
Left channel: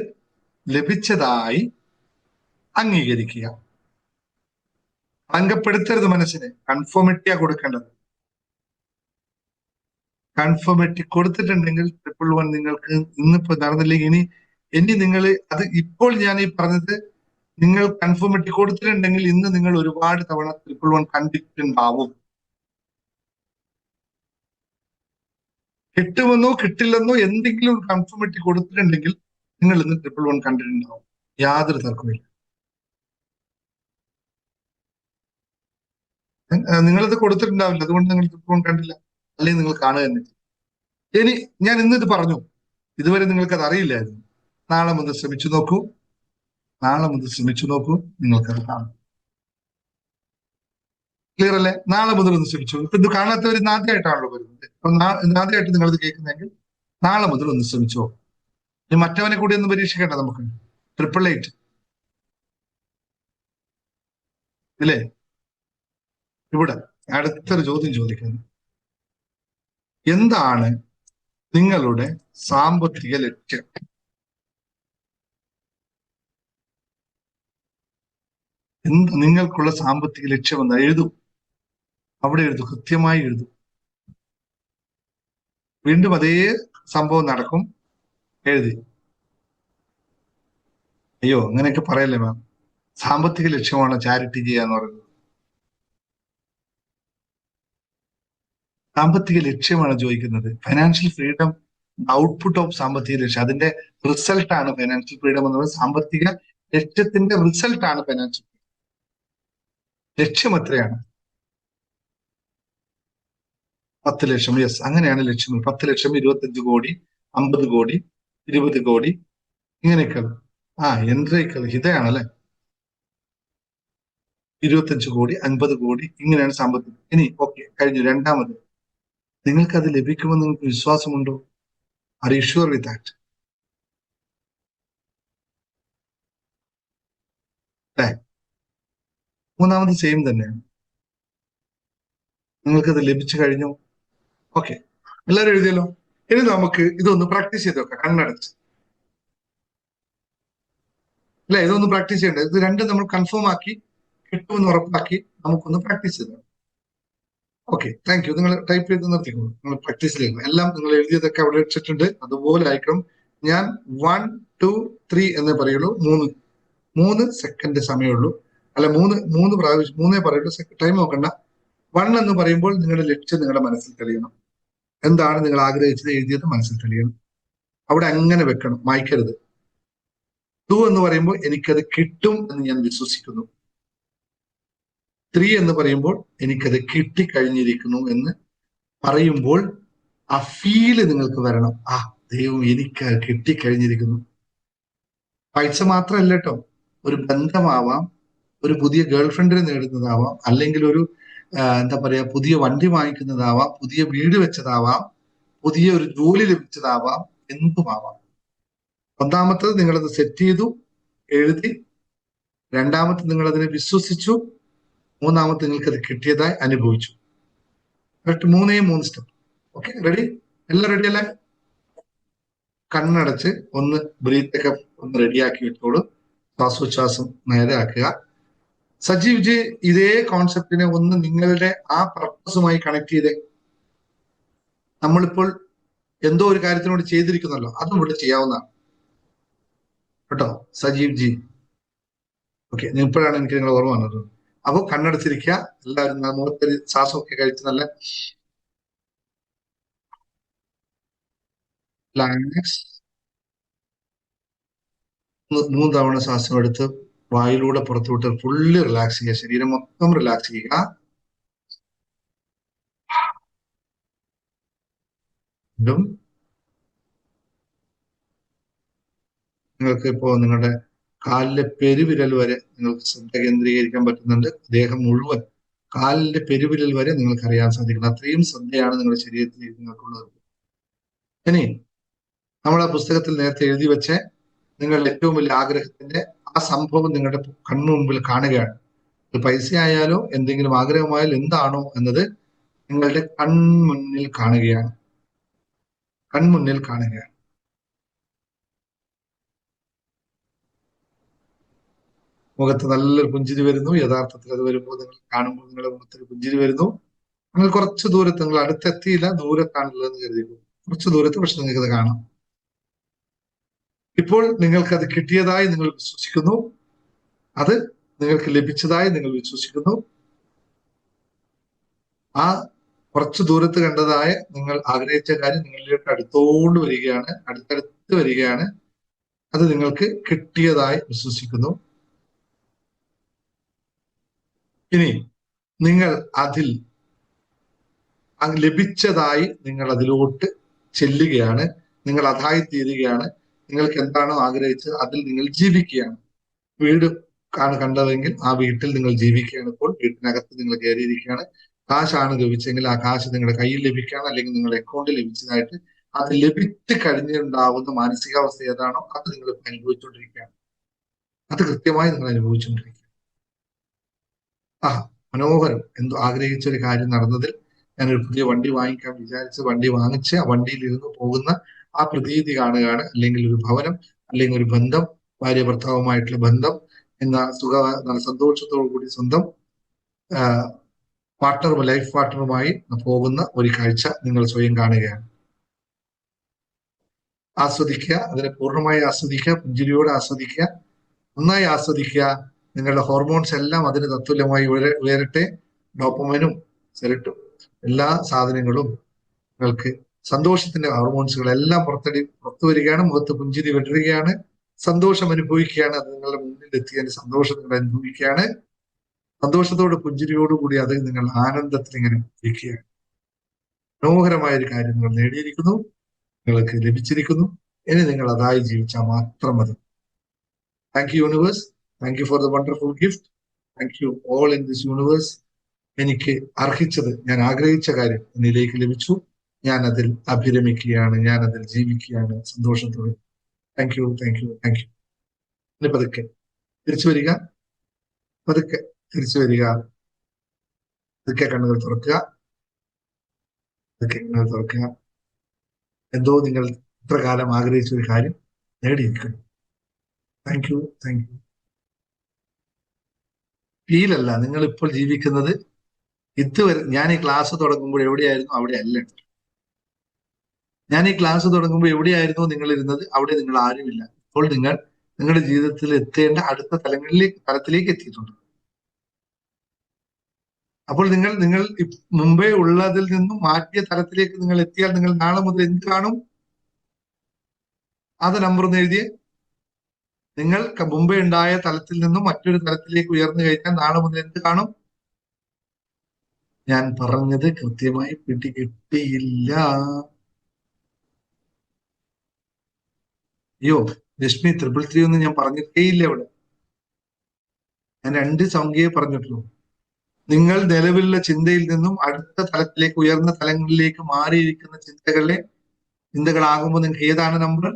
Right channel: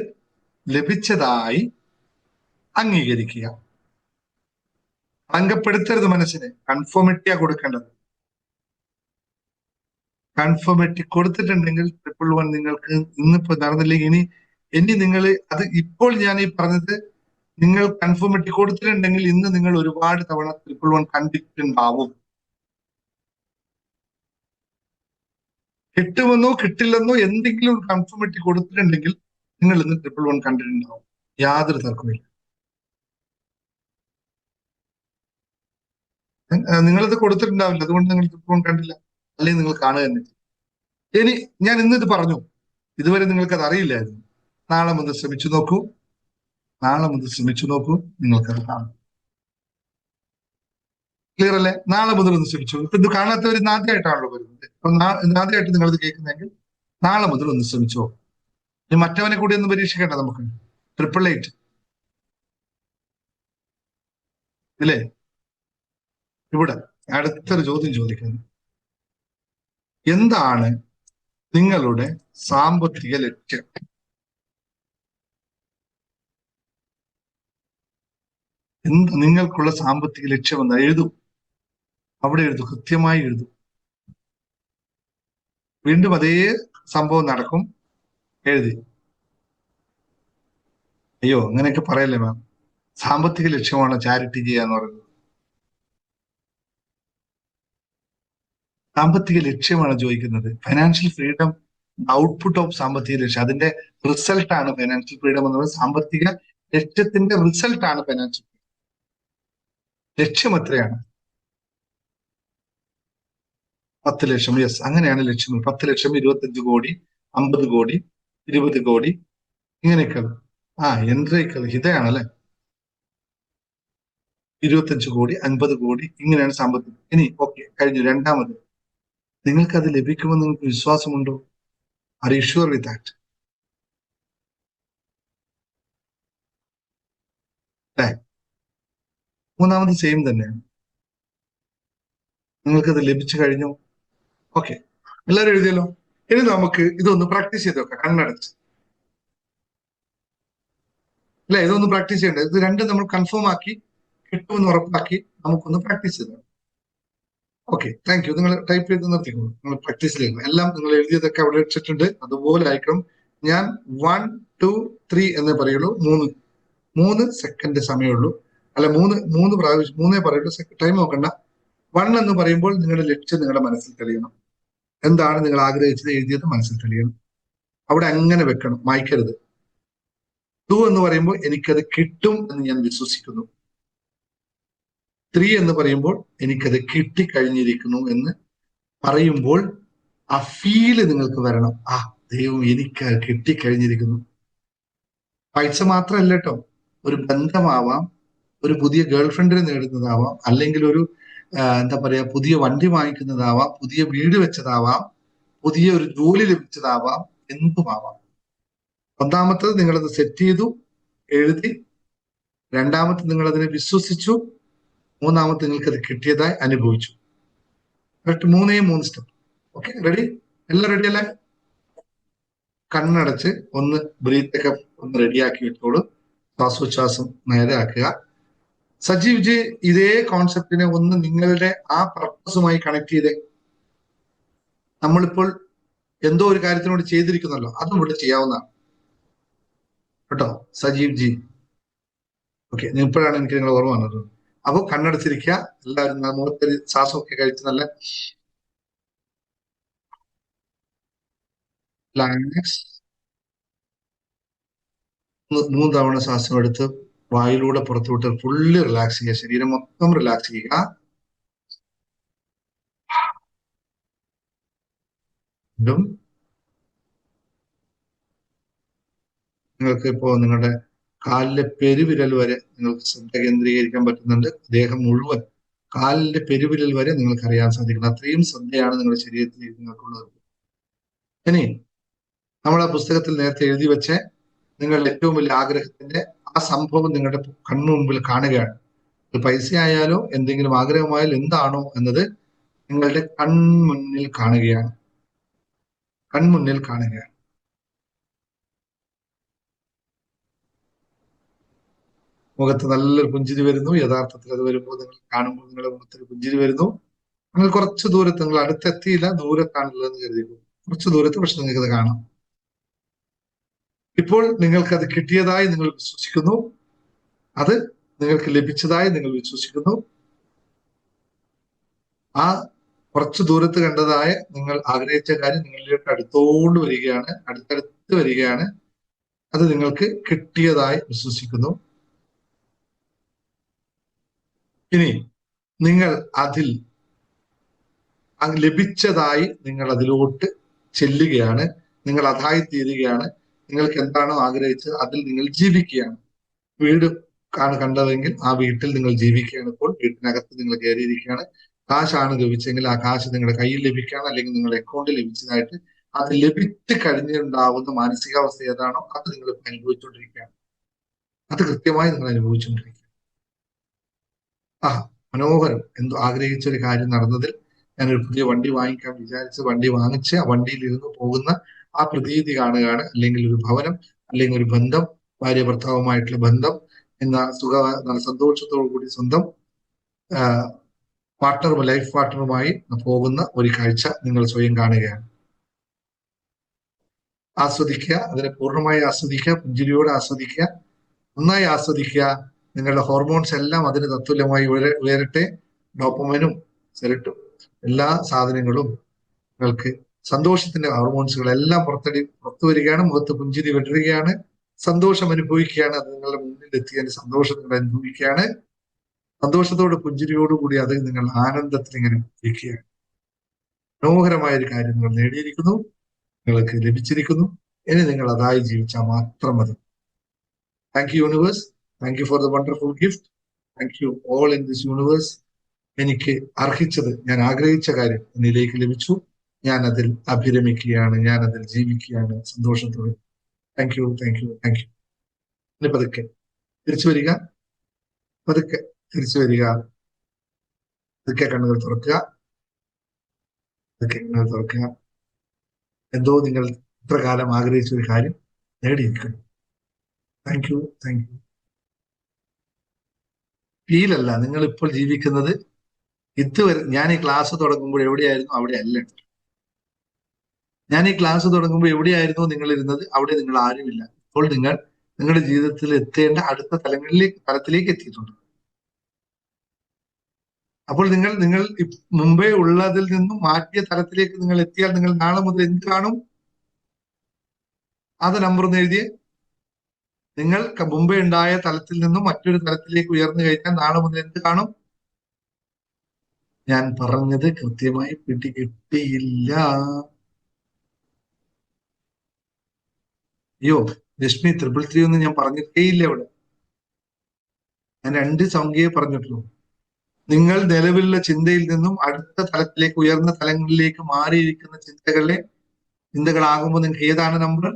ലഭിച്ചതായി അംഗീകരിക്കുക. അംഗപ്പെടുത്തരുത് മനസ്സിനെ. കൺഫോമിറ്റിയാ കൊടുക്കേണ്ടത്. കൺഫോമിറ്റി കൊടുത്തിട്ടുണ്ടെങ്കിൽ 111 നിങ്ങൾക്ക് ഇന്നിപ്പോ നടന്നില്ലെങ്കിൽ ഇനി നിങ്ങൾ അത് ഇപ്പോൾ ഞാൻ ഈ പറഞ്ഞത്, നിങ്ങൾ കൺഫോമിറ്റി കൊടുത്തിട്ടുണ്ടെങ്കിൽ ഇന്ന് നിങ്ങൾ ഒരുപാട് തവണ 111 കണ്ടിട്ടുണ്ടാവും. കിട്ടുമെന്നോ കിട്ടില്ലെന്നോ എന്തെങ്കിലും കൺഫോമിറ്റി കൊടുത്തിട്ടുണ്ടെങ്കിൽ നിങ്ങൾ ഇന്ന് 111 കണ്ടിട്ടുണ്ടാവും. യാതൊരു തർക്കമില്ല. നിങ്ങളിത് കൊടുത്തിട്ടുണ്ടാവില്ല, അതുകൊണ്ട് നിങ്ങൾ 111 കണ്ടില്ല, അല്ലെങ്കിൽ നിങ്ങൾ കാണുക തന്നെ. ഇനി ഞാൻ ഇന്നിത് പറഞ്ഞു, ഇതുവരെ നിങ്ങൾക്കത് അറിയില്ലായിരുന്നു. നാളെ മുതൽ ശ്രമിച്ചു നോക്കൂ. നിങ്ങൾക്കത് കാണും. ക്ലിയർ അല്ലേ? നാളെ മുതൽ ഒന്ന് ശ്രമിച്ചു. ഇപ്പൊ ഇത് കാണാത്തവർ ഇന്ന് ആദ്യമായിട്ടാണല്ലോ വരുന്നത്. അപ്പൊ ആദ്യമായിട്ട് നിങ്ങളിത് കേൾക്കുന്നെങ്കിൽ നാളെ മുതൽ ഒന്ന് ശ്രമിച്ചോ. ഇനി മറ്റവനെ കൂടി ഒന്ന് പരീക്ഷിക്കട്ടെ നമുക്ക്. 888 അല്ലേ? ഇവിടെ അടുത്തൊരു ചോദ്യം ചോദിക്കുന്നു. എന്താണ് നിങ്ങളുടെ സാമ്പത്തിക ലക്ഷ്യം? നിങ്ങൾക്കുള്ള സാമ്പത്തിക ലക്ഷ്യം എന്താ? എഴുതൂ, അവിടെ എഴുതൂ, കൃത്യമായി എഴുതൂ. വീണ്ടും അതേ സംഭവം നടക്കും. എഴുതി. അയ്യോ, അങ്ങനെയൊക്കെ പറയല്ലേ മാം. സാമ്പത്തിക ലക്ഷ്യമാണ് ചാരിറ്റി ചെയ്യാന്ന് പറയുന്നത്. സാമ്പത്തിക ലക്ഷ്യമാണ് ചോദിക്കുന്നത്. ഫൈനാൻഷ്യൽ ഫ്രീഡം ഔട്ട്പുട്ട് ഓഫ് സാമ്പത്തിക ലക്ഷ്യം, അതിന്റെ റിസൾട്ട് ആണ് ഫൈനാൻഷ്യൽ ഫ്രീഡം എന്ന് പറയുന്നത്. സാമ്പത്തിക ലക്ഷ്യത്തിന്റെ റിസൾട്ട് ആണ് ഫൈനാൻഷ്യൽ. ലക്ഷ്യം എത്രയാണ്? 10 ലക്ഷം. യെസ്, അങ്ങനെയാണ് ലക്ഷ്യം. 10 ലക്ഷം, 25 കോടി, 50 കോടി, 20 കോടി, ഇങ്ങനെയൊക്കെ. എൻട്രിക്കൽ ഇതയാണല്ലേ. 25 കോടി, 50 കോടി, ഇങ്ങനെയാണ് സാമ്പത്തികം. ഇനി ഓക്കെ, കഴിഞ്ഞു. രണ്ടാമത്, നിങ്ങൾക്ക് അത് ലഭിക്കുമെന്ന് നിങ്ങൾക്ക് വിശ്വാസമുണ്ടോ? Are you sure with that? മൂന്നാമത് സെയിം തന്നെയാണ്. നിങ്ങൾക്കത് ലഭിച്ചു കഴിഞ്ഞു. ഓക്കെ, എല്ലാവരും എഴുതിയല്ലോ. ഇനി നമുക്ക് ഇതൊന്ന് പ്രാക്ടീസ് ചെയ്ത് നോക്കാം, കണ്ണടച്ച്. അല്ലെ, ഇതൊന്ന് പ്രാക്ടീസ് ചെയ്യണ്ടേ? ഇത് രണ്ടും നമ്മൾ കൺഫേം ആക്കി കിട്ടുമെന്ന് ഉറപ്പാക്കി നമുക്കൊന്ന് പ്രാക്ടീസ് ചെയ്തോ. Okay, thank you. നിങ്ങൾ ടൈപ്പ് ചെയ്ത് നിർത്തിക്കോളൂ. നിങ്ങൾ പ്രാക്ടീസിലേക്ക് എല്ലാം നിങ്ങൾ എഴുതിയതൊക്കെ അവിടെ വെച്ചിട്ടുണ്ട്, അതുപോലെ ആയിരിക്കണം. ഞാൻ 1, 2, 3 എന്നേ പറയുള്ളൂ. 3 സെക്കൻഡ് സമയമുള്ളൂ. അല്ല, മൂന്ന് പ്രാവശ്യം 3 പറയുള്ളൂ. ടൈം നോക്കണ്ട. 1 എന്ന് പറയുമ്പോൾ നിങ്ങളുടെ ലക്ഷ്യം നിങ്ങളുടെ മനസ്സിൽ തെളിയണം. എന്താണ് നിങ്ങൾ ആഗ്രഹിച്ചത് എഴുതിയത് മനസ്സിൽ തെളിയണം. അവിടെ അങ്ങനെ വെക്കണം, മായ്ക്കരുത്. ടു എന്ന് പറയുമ്പോൾ എനിക്കത് കിട്ടും എന്ന് ഞാൻ വിശ്വസിക്കുന്നു. 3 എന്ന് പറയുമ്പോൾ എനിക്കത് കിട്ടിക്കഴിഞ്ഞിരിക്കുന്നു എന്ന് പറയുമ്പോൾ ആ ഫീല് നിങ്ങൾക്ക് വരണം. ആ ദൈവം എനിക്ക് കിട്ടിക്കഴിഞ്ഞിരിക്കുന്നു. പൾസ് മാത്രമല്ല കേട്ടോ, ഒരു ബന്ധമാകാം, പുതിയ ഗേൾഫ്രണ്ടിനെ നേടുന്നതാവാം, അല്ലെങ്കിൽ ഒരു എന്താ പറയാ പുതിയ വണ്ടി വാങ്ങിക്കുന്നതാവാം, പുതിയ വീട് വെച്ചതാവാം, പുതിയ ഒരു ജോലി ലഭിച്ചതാവാം, എന്തുമാവാം. ഒന്നാമത്തത് നിങ്ങളത് സെറ്റ് ചെയ്തു, എഴുതി. രണ്ടാമത്തെ നിങ്ങൾ അതിനെ വിശ്വസിച്ചു. മൂന്നാമത്തെ നിങ്ങൾക്ക് അത് കിട്ടിയതായി അനുഭവിച്ചു. മൂന്ന് സ്റ്റെപ്പ്. Okay, ready? എല്ലാം റെഡി അല്ലേ? കണ്ണടച്ച് ഒന്ന് ബ്രീത്തൊക്കെ ഒന്ന് റെഡിയാക്കി വെച്ചോളൂ. ശ്വാസോച്ഛ്വാസം നേരെയാക്കുക. സജീവ് ജി ഇതേ കോൺസെപ്റ്റിനെ ഒന്ന് നിങ്ങളുടെ ആ പർപ്പസുമായി കണക്ട് ചെയ്തേ. നമ്മളിപ്പോൾ എന്തോ ഒരു കാര്യത്തിനോട് ചെയ്തിരിക്കുന്നല്ലോ, അതും ഇവിടെ ചെയ്യാവുന്നതാണ് കേട്ടോ സജീവ് ജി. ഓക്കെ, ഇപ്പോഴാണ് എനിക്ക് നിങ്ങളെ ഓർമ്മ വന്നത്. അപ്പൊ കണ്ണടച്ചിരിക്കുക എല്ലാവരും. മുഖത്തൊരു ശ്വാസമൊക്കെ കഴിച്ച് നല്ല മൂന്ന് തവണ ശ്വാസം എടുത്ത് വായിലൂടെ പുറത്തുവിട്ട് ഫുള്ള് റിലാക്സ് ചെയ്യുക. ശരീരം മൊത്തം റിലാക്സ് ചെയ്യുക. കാലിലെ പെരുവിരൽ വരെ കേന്ദ്രീകരിക്കാൻ പറ്റുന്നുണ്ട്. ദേഹം മുഴുവൻ കാലിന്റെ പെരുവിരൽ വരെ നിങ്ങൾക്ക് അറിയാൻ സാധിക്കണം. അത്രയും ശ്രദ്ധയാണ് നിങ്ങളുടെ ശരീരത്തിലേക്ക് നിങ്ങൾക്കുള്ളത്. ഇനി നമ്മൾ ആ പുസ്തകത്തിൽ നേരത്തെ എഴുതി വെച്ച് നിങ്ങളുടെ ഏറ്റവും വലിയ ആഗ്രഹത്തിന്റെ ആ സംഭവം നിങ്ങളുടെ കണ്ണു മുൻപിൽ കാണുകയാണ്. പൈസ ആയാലോ എന്തെങ്കിലും ആഗ്രഹമായാലും എന്താണോ എന്നത് നിങ്ങളുടെ കൺമുന്നിൽ കാണുകയാണ്. കൺമുന്നിൽ കാണുകയാണ്. മുഖത്ത് നല്ലൊരു പുഞ്ചിരി വരുന്നു. യഥാർത്ഥത്തിൽ അത് വരുമ്പോൾ നിങ്ങൾ കാണുമ്പോൾ നിങ്ങളുടെ മുഖത്തൊരു പുഞ്ചിരി വരുന്നു. നിങ്ങൾ കുറച്ച് ദൂരത്ത്, നിങ്ങൾ അടുത്തെത്തിയില്ല, ദൂരത്താണുള്ളതെന്ന് കരുതിയിരുന്നു. കുറച്ച് ദൂരത്ത്, പക്ഷെ നിങ്ങൾക്കത് കാണാം. ഇപ്പോൾ നിങ്ങൾക്കത് കിട്ടിയതായി നിങ്ങൾ വിശ്വസിക്കുന്നു. അത് നിങ്ങൾക്ക് ലഭിച്ചതായി നിങ്ങൾ വിശ്വസിക്കുന്നു. ആ കുറച്ച് ദൂരത്ത് കണ്ടതായ നിങ്ങൾ ആഗ്രഹിച്ച കാര്യം നിങ്ങളിലേക്ക് അടുത്തോണ്ട് വരികയാണ്, അടുത്തടുത്ത് വരികയാണ്. അത് നിങ്ങൾക്ക് കിട്ടിയതായി വിശ്വസിക്കുന്നു. ഇനി നിങ്ങൾ അതിൽ ലഭിച്ചതായി നിങ്ങൾ അതിലോട്ട് ചെല്ലുകയാണ്. നിങ്ങൾ അതായി തീരുകയാണ്. നിങ്ങൾക്ക് എന്താണോ ആഗ്രഹിച്ചത് അതിൽ നിങ്ങൾ ജീവിക്കുകയാണ്. വീട് കണ്ടതെങ്കിൽ ആ വീട്ടിൽ നിങ്ങൾ ജീവിക്കുകയാണ്. ഇപ്പോൾ വീട്ടിനകത്ത് നിങ്ങൾ കയറിയിരിക്കുകയാണ്. കാശാണ് ലഭിച്ചെങ്കിൽ ആ കാശ് നിങ്ങളുടെ കയ്യിൽ ലഭിക്കുകയാണ്, അല്ലെങ്കിൽ നിങ്ങളുടെ അക്കൗണ്ടിൽ ലഭിച്ചതായിട്ട് അത് ലഭിച്ചു കഴിഞ്ഞുണ്ടാവുന്ന മാനസികാവസ്ഥ ഏതാണോ അത് നിങ്ങൾ അനുഭവിച്ചുകൊണ്ടിരിക്കുകയാണ്. അത് കൃത്യമായി നിങ്ങൾ അനുഭവിച്ചുകൊണ്ടിരിക്കുക. ആ മനോഹരം, എന്തോ ആഗ്രഹിച്ച ഒരു കാര്യം നടന്നതിൽ ഞാനൊരു പുതിയ വണ്ടി വാങ്ങിക്കാൻ വിചാരിച്ച് വണ്ടി വാങ്ങിച്ച് ആ വണ്ടിയിൽ ഇരുന്ന് പോകുന്ന ആ പ്രതീതി കാണുകയാണ്. അല്ലെങ്കിൽ ഒരു ഭവനം, അല്ലെങ്കിൽ ഒരു ബന്ധം, ഭാര്യ ഭർത്താവുമായിട്ടുള്ള ബന്ധം എന്ന സന്തോഷത്തോടു കൂടി സ്വന്തം ലൈഫ് പാർട്ട്ണറുമായി പോകുന്ന ഒരു കാഴ്ച നിങ്ങൾ സ്വയം കാണുകയാണ്. ആസ്വദിക്കുക, അതിനെ പൂർണ്ണമായി ആസ്വദിക്കുക, പുഞ്ചിരിയോടെ ആസ്വദിക്കുക, നന്നായി ആസ്വദിക്കുക. നിങ്ങളുടെ ഹോർമോൺസ് എല്ലാം അതിന് തത്തുല്യമായി ഉയരട്ടെ. ഡോപ്പമൈനും സെറട്ടും എല്ലാ സാധനങ്ങളും നിങ്ങൾക്ക് സന്തോഷത്തിന്റെ ഹോർമോൺസുകളെല്ലാം പുറത്തു വരികയാണ്. മുഖത്ത് പുഞ്ചിരി വിടരുകയാണ്. സന്തോഷം അനുഭവിക്കുകയാണ്. അത് നിങ്ങളുടെ മുന്നിൽ എത്തിയതിന്റെ സന്തോഷം നിങ്ങൾ അനുഭവിക്കുകയാണ്. സന്തോഷത്തോട് പുഞ്ചിരിയോടുകൂടി അത് നിങ്ങൾ ആനന്ദത്തിൽ ഇങ്ങനെ ഇരിക്കുകയാണ്. മനോഹരമായ ഒരു കാര്യം നിങ്ങൾ നേടിയിരിക്കുന്നു, നിങ്ങൾക്ക് ലഭിച്ചിരിക്കുന്നു. ഇനി നിങ്ങൾ അതായി ജീവിച്ചാൽ മാത്രം മതി. Thank you universe. Thank you for the wonderful gift. Thank you all in this universe. എനിക്ക് അർഹിച്ചത്, ഞാൻ ആഗ്രഹിച്ച കാര്യം എന്നിലേക്ക് ലഭിച്ചു. ഞാൻ അതിൽ അഭിരമിക്കുകയാണ്, ഞാൻ അതിൽ ജീവിക്കുകയാണ് സന്തോഷത്തോടെ. Thank you, thank you, thank U. ഇനി പതുക്കെ തിരിച്ചു വരിക, പതുക്കെ തിരിച്ചു വരിക. പതുക്കെ കണ്ണുകൾ തുറക്കുക, പതുക്കെ കണ്ണുകൾ തുറക്കുക. എന്തോ നിങ്ങൾ ഇത്രകാലം ആഗ്രഹിച്ച ഒരു കാര്യം നേടിയിരിക്കുന്നു. Thank you, thank you. ഫീലല്ല, നിങ്ങൾ ഇപ്പോൾ ജീവിക്കുന്നത് ഇതുവരെ. ഞാൻ ഈ ക്ലാസ് തുടങ്ങുമ്പോൾ എവിടെയായിരുന്നു അവിടെ അല്ല. ഞാൻ ഈ ക്ലാസ് തുടങ്ങുമ്പോൾ എവിടെയായിരുന്നു നിങ്ങൾ ഇരുന്നത്, അവിടെ നിങ്ങൾ ആരുമില്ല. ഇപ്പോൾ നിങ്ങൾ നിങ്ങളുടെ ജീവിതത്തിൽ എത്തേണ്ട അടുത്ത തലത്തിലേക്ക് എത്തിയിട്ടുണ്ട്. അപ്പോൾ നിങ്ങൾ മുമ്പേ ഉള്ളതിൽ നിന്നും മാറ്റിയ തലത്തിലേക്ക് നിങ്ങൾ എത്തിയാൽ നിങ്ങൾ നാളെ മുതൽ എന്ത് കാണും? അത് നമ്പർ ഒന്ന് എഴുതിയേ. നിങ്ങൾ മുമ്പേ ഉണ്ടായ തലത്തിൽ നിന്നും മറ്റൊരു തലത്തിലേക്ക് ഉയർന്നു കഴിഞ്ഞാൽ നാളെ മുതൽ എന്ത് കാണും? ഞാൻ പറഞ്ഞത് കൃത്യമായി പിടികിട്ടിയില്ല. അയ്യോ, ലക്ഷ്മി 333 ഒന്നും ഞാൻ പറഞ്ഞിട്ടേ ഇല്ല ഇവിടെ. ഞാൻ 2 സംഖ്യയെ പറഞ്ഞിട്ടുള്ളൂ. നിങ്ങൾ നിലവിലുള്ള ചിന്തയിൽ നിന്നും അടുത്ത തലത്തിലേക്ക്, ഉയർന്ന തലങ്ങളിലേക്ക് മാറിയിരിക്കുന്ന ചിന്തകളാകുമ്പോൾ നിങ്ങൾക്ക് ഏതാണ് നമ്പർ?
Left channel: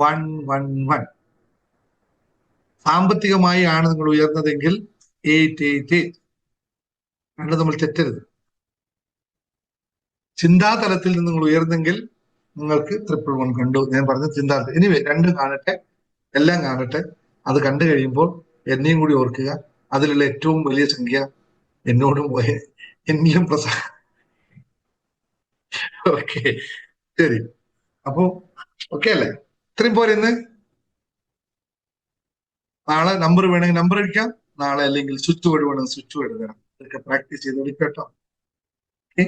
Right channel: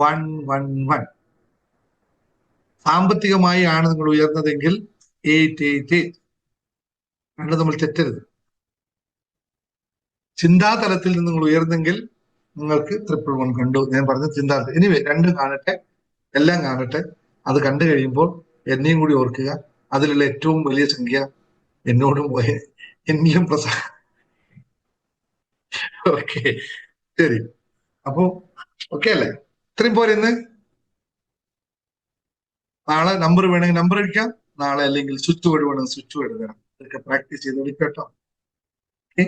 111. സാമ്പത്തികമായി ആണ് നിങ്ങൾ ഉയർന്നതെങ്കിൽ 888. നമ്മൾ തെറ്റരുത്. ചിന്താതലത്തിൽ നിന്ന് നിങ്ങൾ ഉയർന്നെങ്കിൽ നിങ്ങൾക്ക് 111 കണ്ടു. ഞാൻ പറഞ്ഞ ചിന്താതലം. ഇനി രണ്ടും കാണട്ടെ, എല്ലാം കാണട്ടെ. അത് കണ്ടു കഴിയുമ്പോൾ എന്നെയും കൂടി ഓർക്കുക. അതിലുള്ള ഏറ്റവും വലിയ സംഖ്യ എന്നോടും പോയ എന്നിലും ഓക്കെ, ശരി. അപ്പോ ഓക്കെ അല്ലേ? ഇത്രയും പോരെ ഇന്ന്? നാളെ നമ്പർ വേണമെങ്കിൽ നമ്പർ അടിക്കാം. നാളെ അല്ലെങ്കിൽ സ്വിച്ച് വേർഡ് വേണമെങ്കിൽ സ്വിച്ച് വേർഡ് വേണം. ഇതൊക്കെ പ്രാക്ടീസ് ചെയ്ത് കേട്ടോ. ഓക്കെ,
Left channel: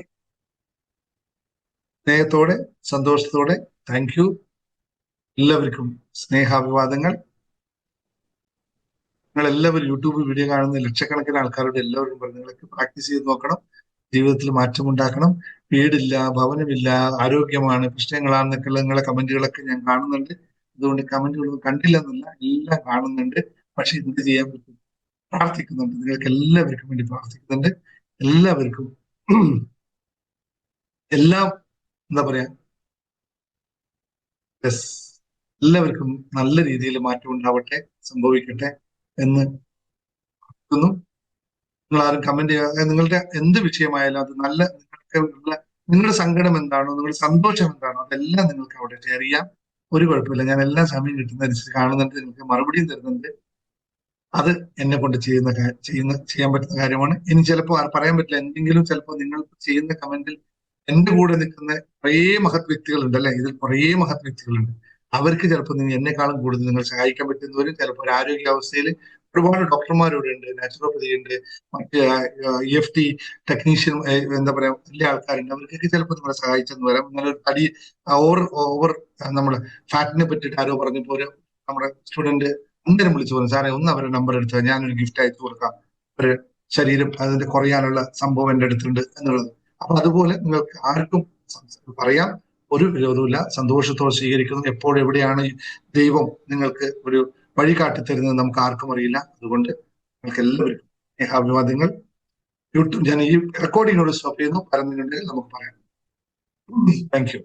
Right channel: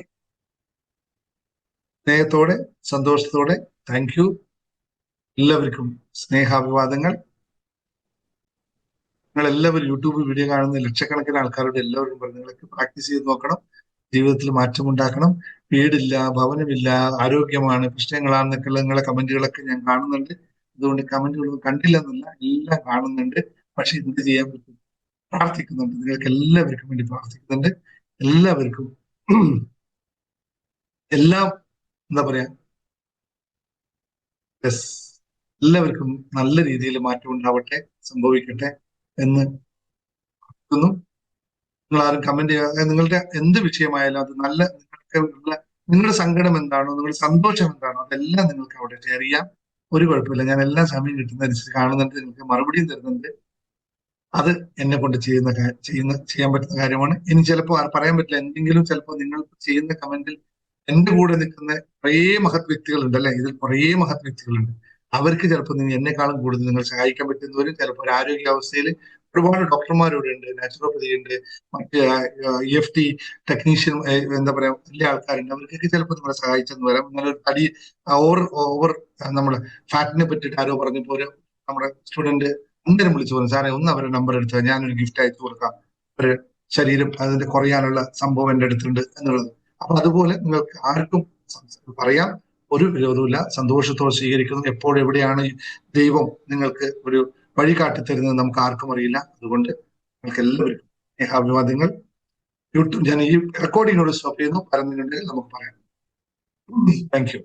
സ്നേഹത്തോടെ സന്തോഷത്തോടെ താങ്ക് യു. എല്ലാവർക്കും സ്നേഹാഭിവാദങ്ങൾ. നിങ്ങൾ എല്ലാവരും യൂട്യൂബ് വീഡിയോ കാണുന്ന ലക്ഷക്കണക്കിന് ആൾക്കാരോട് എല്ലാവരും പറഞ്ഞു നിങ്ങളൊക്കെ പ്രാക്ടീസ് ചെയ്ത് നോക്കണം. ജീവിതത്തിൽ മാറ്റമുണ്ടാക്കണം. വീടില്ല, ഭവനമില്ല, ആരോഗ്യമാണ്, പ്രശ്നങ്ങളാണെന്നൊക്കെയുള്ള നിങ്ങളെ കമന്റുകളൊക്കെ ഞാൻ കാണുന്നുണ്ട്. അതുകൊണ്ട് കമന്റുകളൊന്നും കണ്ടില്ല എന്നല്ല, എല്ലാം കാണുന്നുണ്ട്. പക്ഷെ എന്ത് ചെയ്യാൻ പറ്റും? പ്രാർത്ഥിക്കുന്നുണ്ട്. നിങ്ങൾക്ക് എല്ലാവർക്കും വേണ്ടി പ്രാർത്ഥിക്കുന്നുണ്ട്. എല്ലാവർക്കും എല്ലാം എന്താ പറയാ, യെസ്, എല്ലാവർക്കും നല്ല രീതിയിൽ മാറ്റം ഉണ്ടാവട്ടെ, സംഭവിക്കട്ടെ എന്ന് നിങ്ങൾ ആരും കമന്റ് ചെയ്യാതെ നിങ്ങളുടെ എന്ത് വിഷയമായാലും അത് നല്ല നിങ്ങൾക്ക് ഉള്ള നിങ്ങളുടെ സങ്കടം എന്താണോ, നിങ്ങളുടെ സന്തോഷം എന്താണോ, അതെല്ലാം നിങ്ങൾക്ക് അവിടെ ഷെയർ ചെയ്യാം. ഒരു കുഴപ്പമില്ല. ഞാൻ എല്ലാ സമയം കിട്ടുന്നതനുസരിച്ച് കാണുന്നുണ്ട്, നിങ്ങൾക്ക് മറുപടിയും തരുന്നുണ്ട്. അത് എന്നെ കൊണ്ട് ചെയ്യാൻ പറ്റുന്ന കാര്യമാണ്. ഇനി ചിലപ്പോൾ പറയാൻ പറ്റില്ല, എന്തെങ്കിലും ചിലപ്പോൾ നിങ്ങൾ ചെയ്യുന്ന കമന്റിൽ എന്റെ കൂടെ നിൽക്കുന്ന കുറേ മഹത് വ്യക്തികളുണ്ട് അല്ലെ, ഇതിൽ കുറേ മഹത് വ്യക്തികളുണ്ട്. അവർക്ക് ചിലപ്പോൾ നിങ്ങൾ എന്നെക്കാളും കൂടുതൽ നിങ്ങൾ സഹായിക്കാൻ പറ്റുന്നവരും, ചിലപ്പോൾ ഒരു ആരോഗ്യാവസ്ഥയിൽ ഒരുപാട് ഡോക്ടർമാരിവിടെ ഉണ്ട്, നാച്ചുറോപ്പതി ഉണ്ട്, മറ്റ് EFT ടെക്നീഷ്യൻ, എന്താ പറയാ, വലിയ ആൾക്കാരുണ്ട്. അവർക്കൊക്കെ ചിലപ്പോൾ നിങ്ങളെ സഹായിച്ചെന്ന് വരാം. നിങ്ങളൊരു തടി ഓവർ ഓവർ നമ്മള് ഫാറ്റിനെ പറ്റിയിട്ട് ആരോ പറഞ്ഞപ്പോൾ ഒരു നമ്മുടെ സ്റ്റുഡന്റ് അന്നേരം വിളിച്ചു പറഞ്ഞു, സാറേ ഒന്ന് അവരുടെ നമ്പർ എടുത്താൽ ഞാനൊരു ഗിഫ്റ്റ് അയച്ചു കൊടുക്കാം, ഒരു ശരീരം അതിന്റെ കുറയാനുള്ള സംഭവം എന്റെ അടുത്തുണ്ട് എന്നുള്ളത്. അപ്പൊ അതുപോലെ നിങ്ങൾക്ക് ആർക്കും പറയാം, ഒരു വിരോധമില്ല, സന്തോഷത്തോടെ സ്വീകരിക്കുന്നു. എപ്പോഴും എവിടെയാണ് ദൈവം നിങ്ങൾക്ക് ഒരു വഴി കാട്ടിത്തരുന്നത് നമുക്ക് ആർക്കും അറിയില്ല. അതുകൊണ്ട് നിങ്ങൾക്ക് എല്ലാവർക്കും സ്നേഹാഭിവാദ്യങ്ങൾ. യൂട്യൂബ് ഞാൻ ഈ റെക്കോർഡിങ്ങിനോട് സ്റ്റോപ്പ് ചെയ്യുന്നു. പറഞ്ഞിട്ടുണ്ടെങ്കിൽ നമുക്ക് പറയാം. Thank you.